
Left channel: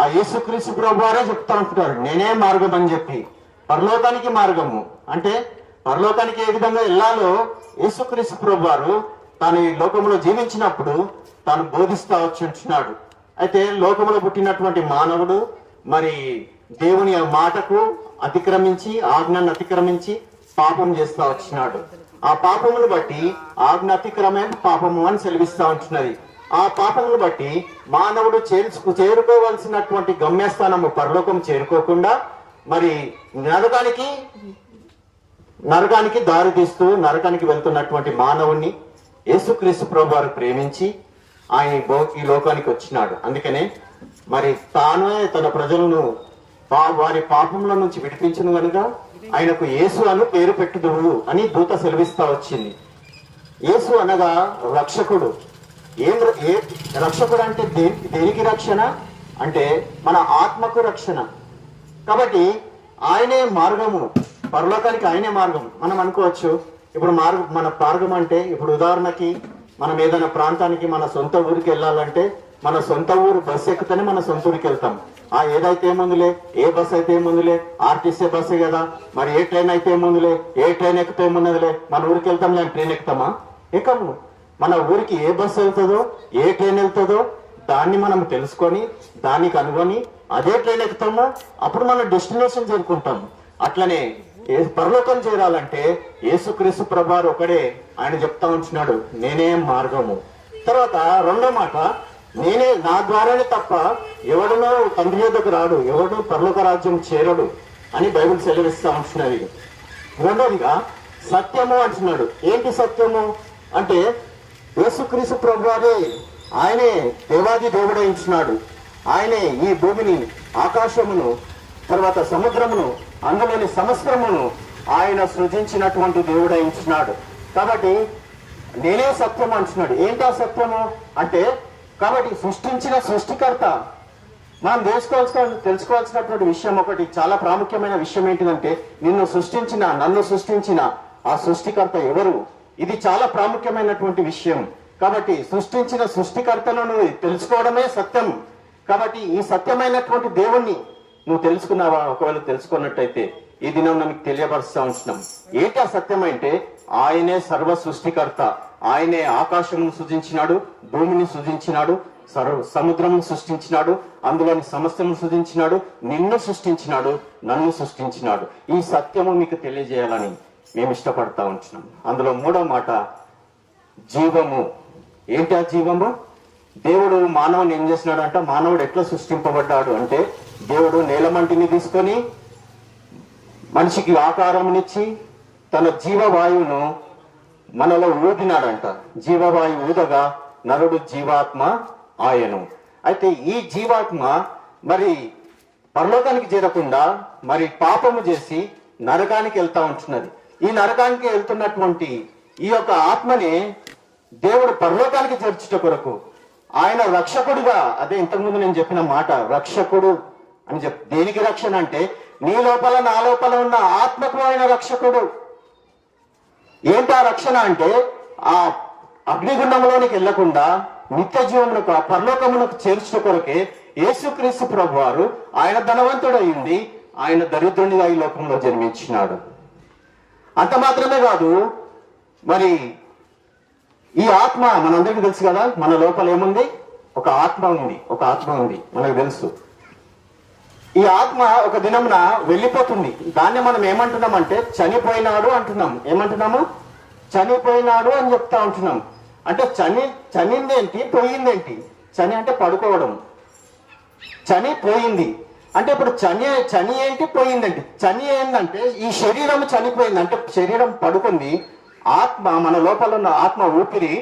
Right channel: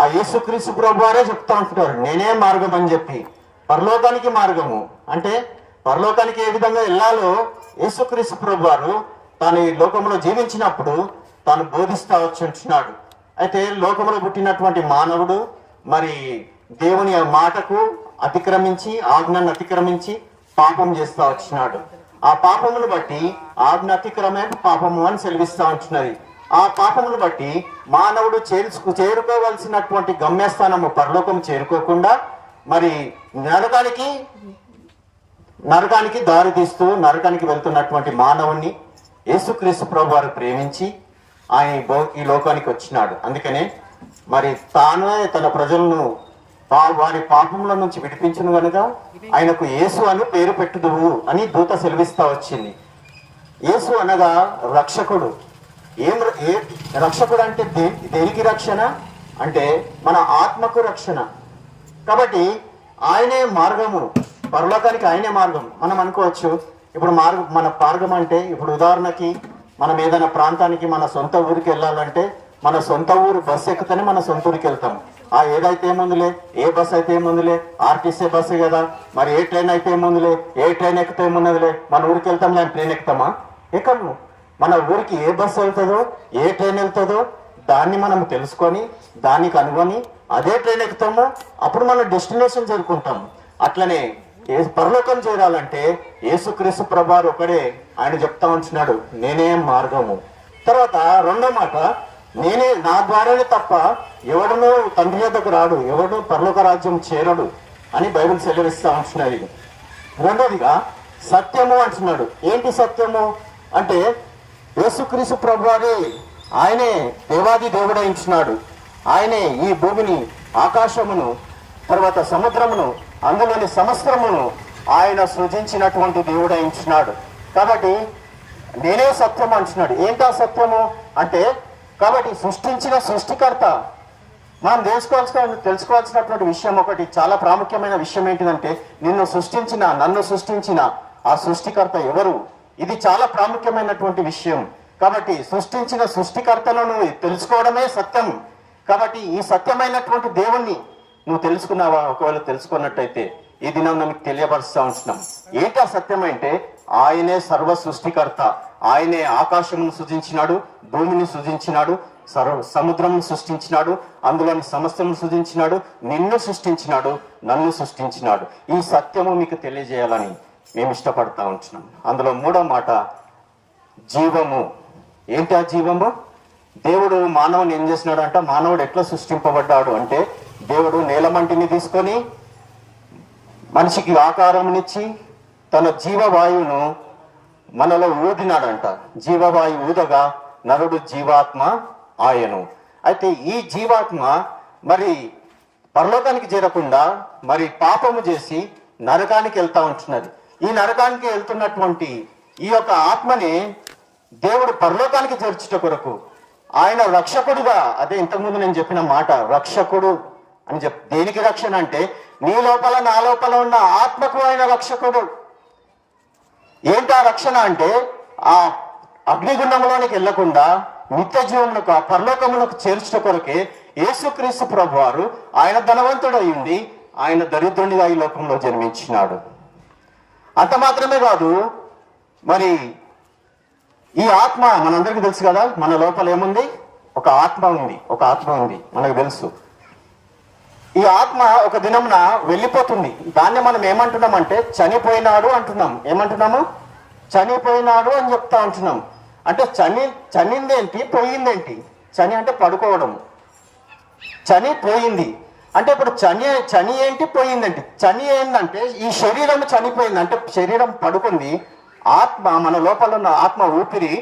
ఆ యేసుక్రీస్తు ప్రభు వారే చెప్తా ఉంటున్నారు నేనే మార్గం అని చెప్పి. పరలోకానికి మార్గము అంటే పరలోకానికి ఏ విధంగా వెళ్ళాలో యేసుక్రీస్తు ప్రభు వారు తాను ఈ లోకంలో జీవించినప్పుడు తాను బోధిస్తా వచ్చున్నాడు. అయితే లోకంలో పుట్టినటువంటి మానవుడు మరి దేవుని మాటకు అతిక్రమించి, ఆజ్ఞను అతిక్రమించి పాపం చేస్తా వచ్చినాడు. ఆ పాపమును బట్టి ఆజ్ఞ అతిక్రమే పాపము అని సెలవిస్తా ఉంటున్నది. ఆ పాపమును బట్టి మానవుడు చేరుకోవాల్సినటువంటి గమ్యస్థానము పరలోకం చేరుకోకుండా మరి నరకానికి దారి తీస్తూ నరకానికి వెళ్తున్నటువంటి మానవుణ్ణి యేసుక్రీస్తు ప్రభు వారు ప్రేమించి ఆయన ఈ లోకానికి వచ్చినాడు. అందుకనే మరి తానే తన ప్రజలను వారి పాపముల నుంచి విడిపించిన కనుక ఆయనకు యేసు అని పేరు పెట్టుదువు అని దూత సెలవిస్తా వచ్చింది. యేసు అనగా రక్షకుడు. రక్షకుడు అంటే దేనికి రక్షణ అంటే మన ఆత్మకు రక్షణ. కాబట్టి ఆయనే మార్గము, పరలోకానికి ఆయనే మార్గం. మనం అనుకోవచ్చు ఇప్పుడు మన మార్గం అంటే ఇప్పుడు ఉదాహరణకి మనం ఏదైనా ప్రాంతానికి మన సొంత ఊరికి వెళ్ళాలంటే మన సొంత ఊరు బస్సు ఎక్కితేనే మన సొంత ఊరికి వెళ్తాం. ఏదైతే ఏముందిలే, ఏ బస్సు అయితే ఏముందిలే, ఆర్టీసీ బస్సే కదా, మరి ఏ ట్రైన్ అయితే ఏముందిలే, ఏ ట్రైన్ ఎక్కితే ఏమున్నదిలే, మన ఊరికి వెళ్తాం లేని ట్రైన్ ఎక్కుతామా? ఎక్కము. మన ఊరికి ఏ బస్సు వెళ్తుందో, ఏ ట్రైన్ వెళ్తుందో దాన్ని మనం తెలుసుకొని దానికి అనుకొని అదే ట్రైన్ ఎక్కుతాము. అప్పుడు మనం డెస్టినేషన్ చేరుకుంటాము. అట్లనే పరలోకం చేరాలంటే యేసుక్రీస్తు ప్రభువారు ఒకడే. ఆయన చెప్తా ఉంటున్నాడు నేనే మార్గము. తర్వాత రెండో మాట, నేనే, నా ద్వారానే తప్ప ఎవడనో తండ్రి యొద్దకు రాడు, ఎవడు పరలోక రాజ్యం చేరడు అని బైబిల్ సెలవిస్తా ఉంటున్నది. రెండోదిగా సత్యము అంటున్నాడు. ఏంటి సత్యము అంటే యేసుక్రీస్తు ప్రభువారే, ఆయనే దేవాది దేవుడైంచున్నాడు. ఆయనే ఈ భూమిని, ఆకాశమును, తర్వాత సముద్రమును, అందులోని సమస్తమును ఆయన సృజించినటువంటి దేవుడైంచున్నాడు. కాబట్టి నేనే సత్యం అంటున్నాడు. ఏంటా సత్యము అంటే కాబట్టి సృష్టించిన సృష్టికర్త. మనం తెలుసుకోవాల్సినటువంటి విషయం ఒకటి, చాలా ప్రాముఖ్యమైన విషయం ఏంటిదంటే నన్ను సృష్టించిన ఆ సృష్టికర్త ఎవరు? ఇది చాలా ప్రాముఖ్యమైనటువంటి విషయం. కాబట్టి సృష్టించిన సృష్టికర్తను తెలుసుకోవడమే సత్యం. కాబట్టి ఈ సత్యమైనటువంటి దేవుణ్ణి నువ్వు తెలుసుకున్నావా? ఒకవేళ తెలుసుకున్నట్టయితే ఈ దినం మనకు తెలియపరుస్తా ఉంటున్నాం. ఏంటా సత్యం అంటే ఆయనే సర్వ సృష్టికర్త. ఆయనే ఆకాశమును సృజించినాడు, భూమిని సృజించినాడు, సముద్రమును సృష్టించినాడు, అందులోని సమస్తమును సృజించినాడు, నిన్ను సృష్టించినాడు, నన్ను సృష్టించినాడు. ఈ సత్యము మీకు తెలియజేయాలని మేము ఇష్టపడతా ఉంటున్నాం. అందులో మూడో మాట జీవము. ఏంటి ఆ జీవము? దేవుడు మానవుని ఏం చేసినాడు అంటే, మానవుడు ఎట్లా సృష్టింపబడ్డాడు అంటే దేవుడు నేలమంటిని తీసుకొని మనిషికి ఆకారంనిచ్చి తన జీవవాయువును మనలో ఊదినాడంట. జీవవాయు ఊదగా నరుడు జీవాత్మ ఆయను. అయితే ఈ జీవాత్మ మరి పరలోకానికి చేరకుండా మరి పాపము చేసి నరకానికి వెళ్తా ఉంటున్నది. ఈ నరకానికి వెళ్తున్నటువంటి ఈ యొక్క ఆత్మని దేవుడు పరలోకానికి చేర్చుట కొరకు ఆయన రక్షకుడుగా, అదే ఇంతకుముందు నేను చెప్పిన మాట, రక్షకుడు అని దేనికి రక్షణ అంటే నీ లోపల నా లోపల ఉన్న ఆత్మకు ఆయన రక్షకుడు. ఏంటా రక్షణ అంటే ఆ అగ్నిగుండంలోనికి వెళ్లకుండా నిత్య జీవములకు, పరలోకములకు చేర్చుట కొరకే యేసుక్రీస్తు ప్రభువారు ఆయన ధనవంతుడయింది, ఆయన దరిద్రునిగా ఈ లోకంలో జన్మించినాడు. అంత మాత్రమే కాదు, మరి ఈ ఆత్మ మనందరికీ తెలుసు కదా, మన లోపల ఏముంది? ఒక ఆత్మ ఉంది మనకు తెలుసు. ఈ ఆత్మ ఒక దినమున వెళ్ళిపోతుంది. దాన్ని మనం ఏమంటున్నామంటే చనిపోయినాడు అంటున్నాం. ఏమంటున్నాము? చనిపోయినాడు అని చెప్తా ఉంటున్నాం. అంటే చనిందేంటి, పోయిందేంటి? చని అంటే పడుకోవడం, చనిపోయింది. అంటే ఇప్పుడు చని ఏంటి పోయిందంటే, చని ఏంటంటే ఈ శరీరం చనిపోయింది, అంటే శరీరం పడుకుంది, ఆత్మ మన లోపల ఉన్న ఆత్మ ఊపిరి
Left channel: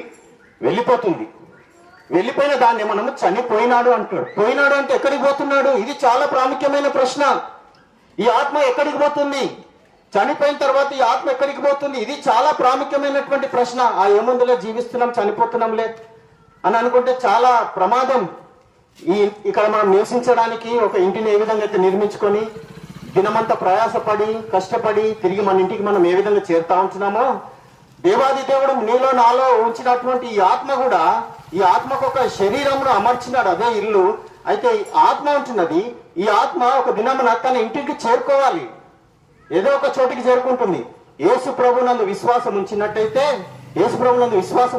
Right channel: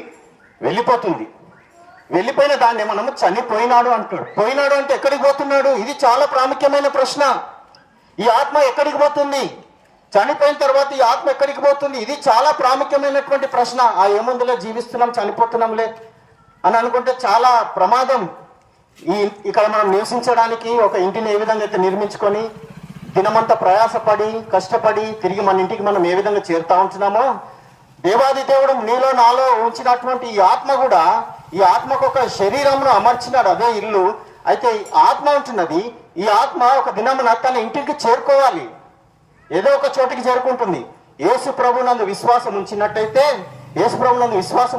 వెళ్ళిపోతుంది. వెళ్ళిపోయిన దాన్ని మనం చనిపోయినాడు అంటాడు. పోయినాడు అంటే ఎక్కడికి పోతున్నాడు? ఇది చాలా ప్రాముఖ్యమైన ప్రశ్న. ఈ ఆత్మ ఎక్కడికి పోతుంది? చనిపోయిన తర్వాత ఈ ఆత్మ ఎక్కడికి పోతుంది? ఇది చాలా ప్రాముఖ్యమైనటువంటి ప్రశ్న. ఏముందులో జీవిస్తున్నాం, చనిపోతున్నాంలే అని అనుకుంటే చాలా ప్రమాదం. ఇక్కడ మనం నివసించడానికి ఒక ఇంటిని ఏ విధంగా అయితే నిర్మించుకొని దినమంతా ప్రయాసపడి కష్టపడి తిరిగి మన ఇంటికి మనం ఏ విధంగా చేరుతా ఉంటున్నామో, దేవాది దేవుడు నీలో నాలో ఉంచినటువంటి ఈ ఆత్మ కూడా, ఈ ఆత్మకు ఒక శరీరంలో అమర్చినాడు, అదే ఇల్లు. అయితే ఆత్మ ఉంటున్నది, ఈ ఆత్మ ఒక దినమున తన ఇంటికి చేరుకోవాలి, ఏదో ఒక చోటికి చేరుకుంటుంది. యేసు ప్రభునందు విశ్వాసం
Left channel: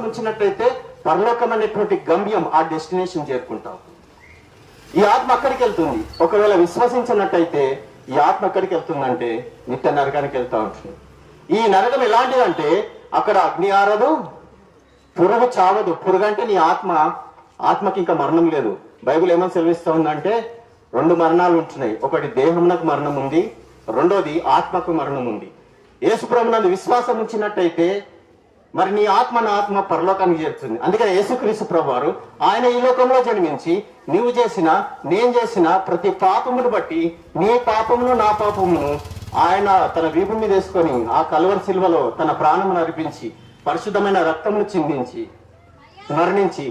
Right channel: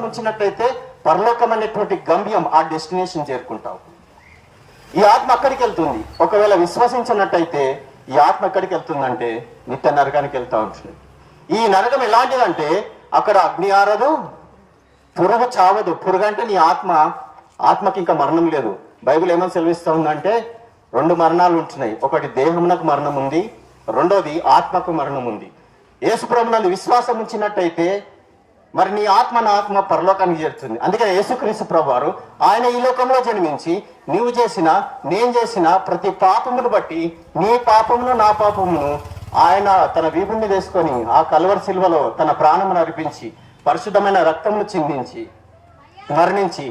ఉంచినట్టయితే పరలోకమైనటువంటి గమ్యం, ఆ డెస్టినేషన్ చేరుకుంటాం. ఈ ఆత్మ అక్కడికి వెళ్తుంది. ఒకవేళ విశ్వసించినట్టయితే ఈ ఆత్మ ఎక్కడికి వెళ్తుందంటే నిత్య నరకానికి వెళ్తా ఉంటుంది. ఈ నరకం ఎలాంటిదంటే అక్కడ అగ్ని ఆరదు, పురుగు చావదు. పురుగు అంటే నీ ఆత్మకి ఇంకా మరణం లేదు. బైబిల్ ఏమని సెలవిస్తా ఉందంటే 2 మరణాలు ఉంటున్నాయి. ఒకటి దేహమునకు మరణం ఉంది, రెండోది ఆత్మకు మరణం ఉంది. యేసు ప్రభునందు విశ్వాసం ఉంచినట్టయితే మరి నీ ఆత్మ నా ఆత్మ పరలోకానికి చేరుతుంది. అందుకని యేసుక్రీస్తు ప్రభువారు ఆయన ఈ లోకంలో జన్మించి నీవు చేసిన నేను చేసిన ప్రతి పాపమును బట్టి నీ పాపమును నా పాపమును ఆయన తన వీపు మీద వేసుకొని ఆ కల్వరి శిలువలో తన ప్రాణమును అర్పించి పరిశుద్ధమైన రక్తమును చిందించి మరణించి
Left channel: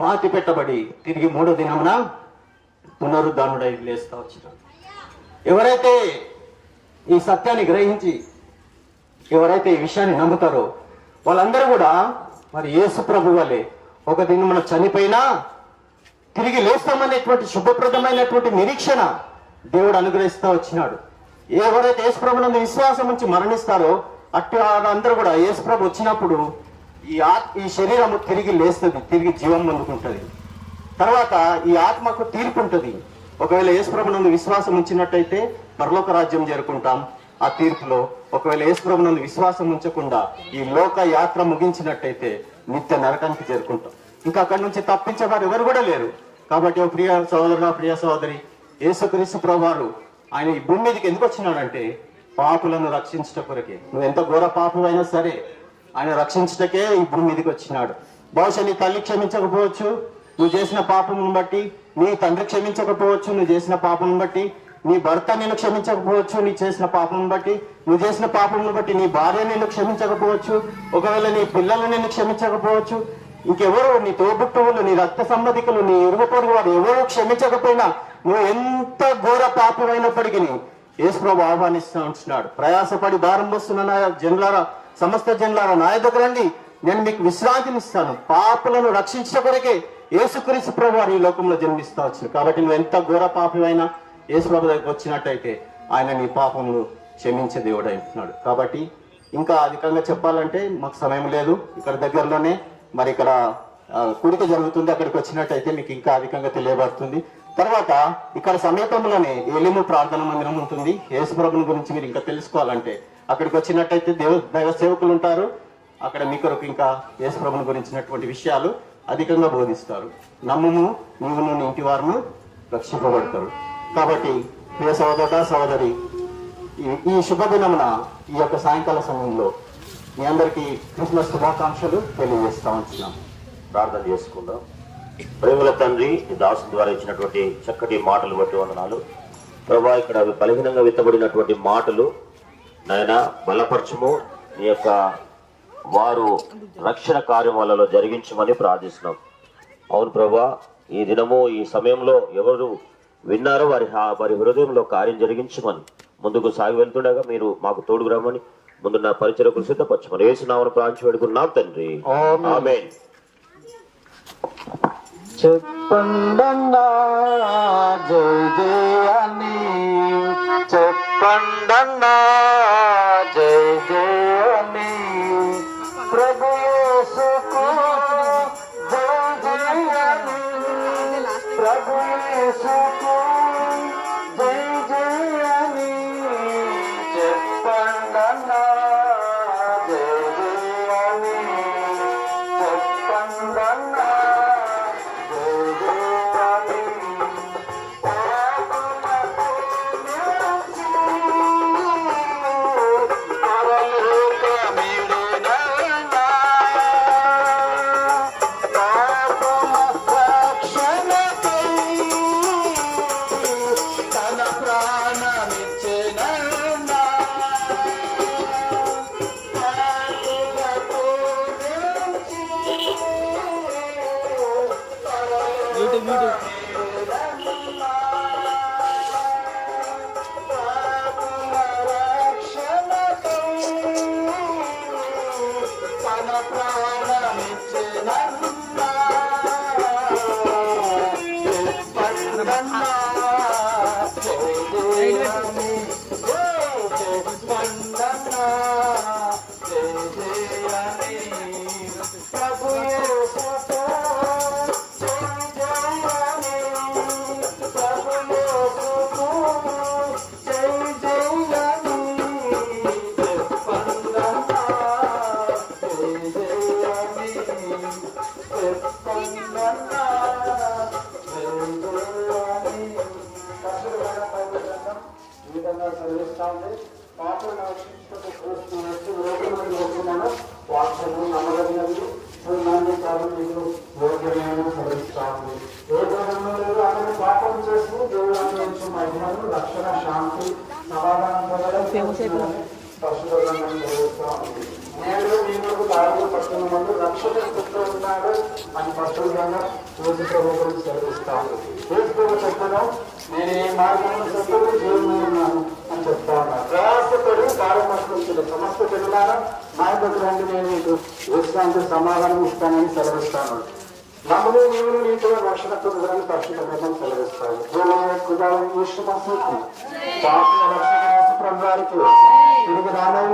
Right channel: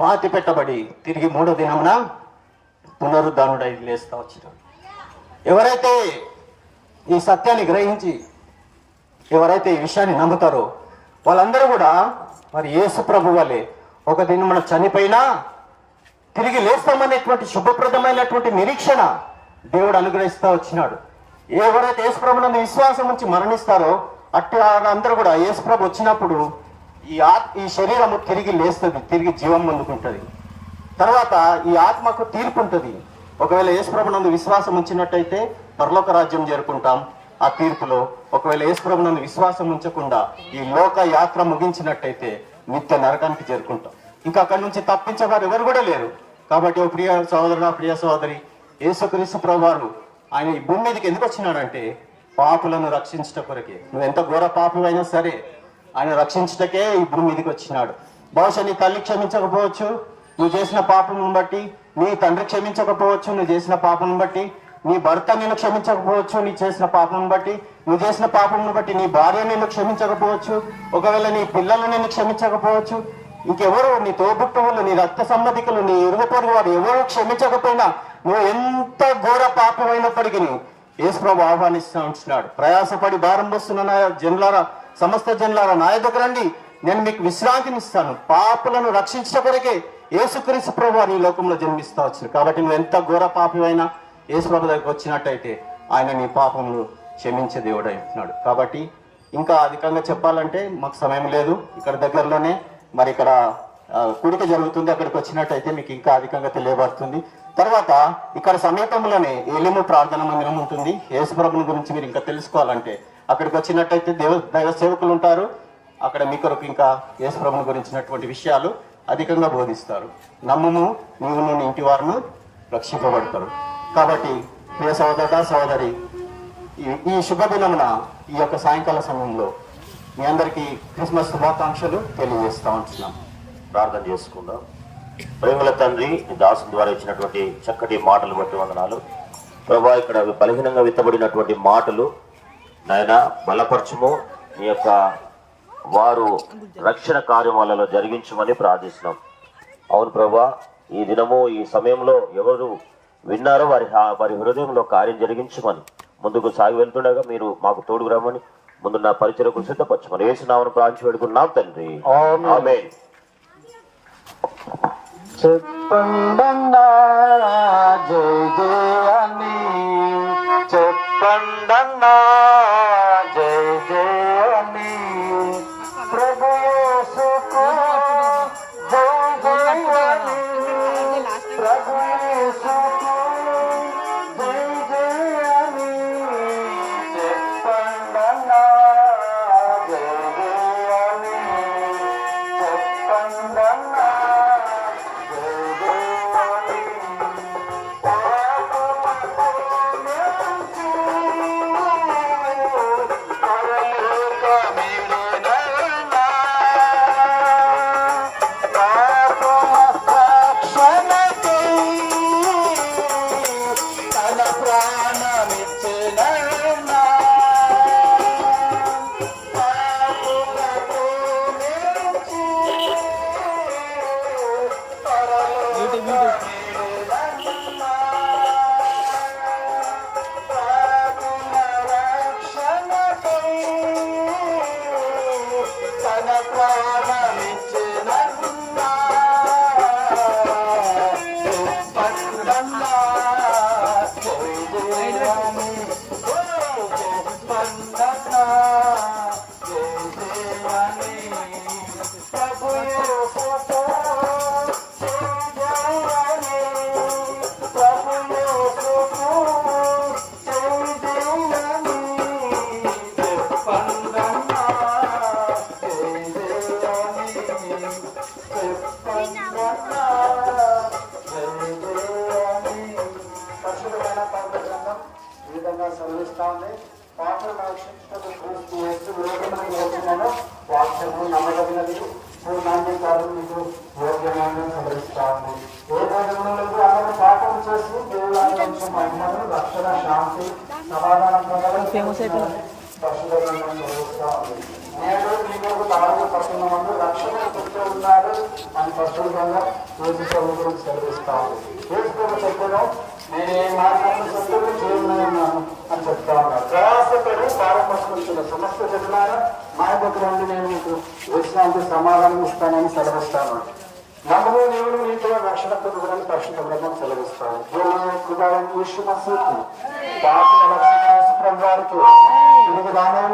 పాతి పెట్టబడి తిరిగి 3వ దినమున పునరుద్ధానుడై లేస్తా వచ్చినాడు. ఎవరైతే ఈ సత్యాన్ని గ్రహించి ఎవరైతే ఈ విషయాన్ని నమ్ముతారో వాళ్ళందరూ కూడా మరి యేసు ప్రభు వలె ఒక దినం మనం చనిపోయినా తిరిగి లేస్తామనేటువంటి శుభప్రదమైనటువంటి నిరీక్షణ దేవుడు అనుగ్రహిస్తూ వచ్చినాడు. ఎవరైతే యేసు ప్రభునందు విశ్వాసం ఉంచి మరణిస్తారో అట్టి అందరూ కూడా యేసు ప్రభు వచ్చినప్పుడు ఈ శరీరము తిరిగి లేస్తుంది, తిరిగి జీవం పొందుకుంటుంది. తర్వాత ఈ ఆత్మకు తీర్పు ఉంటుంది. ఒకవేళ యేసు ప్రభునందు విశ్వాసం ఉంచినట్టయితే పరలోక రాజ్యం చేరుకుంటాం ఆ తీర్పులో. ఒకవేళ యేసు ప్రభునందు విశ్వాసం ఉంచకుండా ఈ లోక యాత్ర ముగించినట్టయితే నిత్య నరకానికి చేరుకుంటాం. ఇంకా అక్కడి నుంచి తప్పించేవారు ఎవరు కూడా లేరు. కాబట్టి ఓ ప్రియ సహోదరు, ప్రియ సహోదరి, యేసుక్రీస్తు ప్రభువారు ఆయన ఈ భూమి మీదకి ఎందుకు వచ్చినాడంటే పాపులను రక్షించట కొరకే. నువ్వు ఎంత ఘోర పాపమైనా సరే ఆయన రక్షించటకే ఈ భూమి మీదకి వచ్చినాడు. బహుశా నీ తల్లి క్షమించకపోవచ్చు, నువ్వు చేసిన పాపం బట్టి, నీ తండ్రి క్షమించకపోవచ్చు నువ్వు చేసిన పాపం బట్టి, నీ భర్త నిన్ను క్షమించకపోవచ్చు నీ చేసిన పాపం బట్టి, నువ్వు చేసిన పాపం బట్టి నీ భార్య నిన్ను క్షమించకపోవచ్చు, ఒకవేళ నీ పిల్లలు నిన్ను క్షమించకపోవచ్చు, ఇంకెవరు నీ తోబుట్టువులు, నీ రక్త సంబంధికులు, నీ ఇరుగు పొరుగు వారు ఎవరు క్షమించకపోయినా నువ్వు ఎంత ఘోర పాపమైనప్పటికీ యేసు ప్రభు ఆహ్వానిస్తూ ఉంటున్నాడు. ప్రయాసపడి భారం మోస్తున్న నా జనులారా, సమస్త జనులారా నా దగ్గర రండి, నేను మీకు విశ్రాంతినిస్తాను. పాపులను రక్షించడం కొరకే యేసుక్రీస్తు ప్రభు ఈ లోకంలో జన్మిస్తూ వచ్చింది. కాబట్టి నువ్వు ఎంత ఘోర పాపివైనా యేసు ప్రభు దగ్గరికి వచ్చినట్టయితే ఆయన నీ పాపమును క్షమించే దేవుడు అంటున్నాడు. కాబట్టి ఇంకా అధికంగా చెప్పాలంటే మాకు సమయం లేదు. ఇక్కడ దగ్గరలోనే మరి ఇక్కడ కూడిక జరుగుతుంది, అక్కడికి వచ్చినట్టయితే మీకు ఇంకా అధికంగా తెలియబడుతుంది. తర్వాత ఇక్కడ సమీపంలోనే ఏలిము ప్రార్థన మందిరం ఉంటుంది. యేసు ప్రభుని గురించి మీరు ఇంకా తెలుసుకోవాలంటే అక్కడికి వచ్చినట్టయితే దైవ సేవకులు ఉంటారు. అక్కడ మీ కొరకు ఇంకా యేసు ప్రభుని గురించినటువంటి విషయాలు అధికంగా బోధిస్తారు. నమ్ముము నీవును నీ ఇంటి వారును రక్షింపబడతారు. కాబట్టి ప్రియ సహోదర సహోదరి, ఈ శుభదినమున ఈ యొక్క సాయంకాల సమయంలో మీ అందరికీ క్రిస్మస్ శుభాకాంక్షలు తెలియజేస్తా ఉంటున్నాం. ప్రార్థన చేసుకుందాం. ప్రేమల తండ్రి, ఈ దాసు ద్వారా ఇచ్చినటువంటి చక్కటి మాటలు బట్టి వందనాలు ప్రభా. ఇక్కడ బలహీనంగా విత్తబడినటువంటి మాటలు నాయన బలపరచుము, నీ యొక్క వారు రక్షణ కార్యమాలలో జరిగించమని ప్రార్థిస్తున్నాం. అవును ప్రభా, ఈ దినము ఈ సమయంలో ఎవరు విన్నారో వారి హృదయంలో కార్యం జరిగించమని ముందుకు సాగి వెళ్తుండగా మీరు మాకు తోడుకు రమ్మని ముందున్న పరిచర్యకు సిద్ధపరచమని యేసు నామమున ప్రార్థించి వేడుకున్నాం తండ్రి, ఆమేన్. చెప్పండన్నా జయ జయాన్ని, చెప్పండన్నా జయ జయాన్ని, ప్రభు యేసుకు జయ జయాన్ని, ప్రభు యేసుకు జయ జయాన్ని, చెప్పండన్నా జయ జయాన్ని, చెప్పండన్నా జయ జయాన్ని. ఈ విధంగా చదివిస్తా ఉంది. పాటలు వాక్యము నమ్మదగినది, నాణ్యతలు మీకు యోగ్యమైన చదివిస్తా ఉంది. ఏ దేవుడు ఆయన పాఠం చేసి దేవుడు నుంచి మహిళలు రక్షణ, శాంతి, సమాధానం చదివిస్తా ఉంది. నేను నీకు బాగా పట్టణంలో రక్షణ చెప్తూ ఉన్నాడు అని పట్టుదల రోజు ప్రభుత్వం చదివిస్తాను. యేసు చెప్పను నేను ఏ మార్గంలో సత్తులు చేయనున్నాను అని చెప్తా ఉన్నాను. ప్రయాసపడి పారపట్టుకుంటున్న సమస్త చెప్తున్నారా మా దగ్గర రండి, నేను మీకు విశ్రాంతి సమాధానం ఇస్తానని సెలవిస్తాను. నమ్మలో దేవుడు నీతో రక్షణ పొందడానికి పరిశుద్ధ గ్రంథం సెలవిస్తాను. వారికి తిరిగి రానైన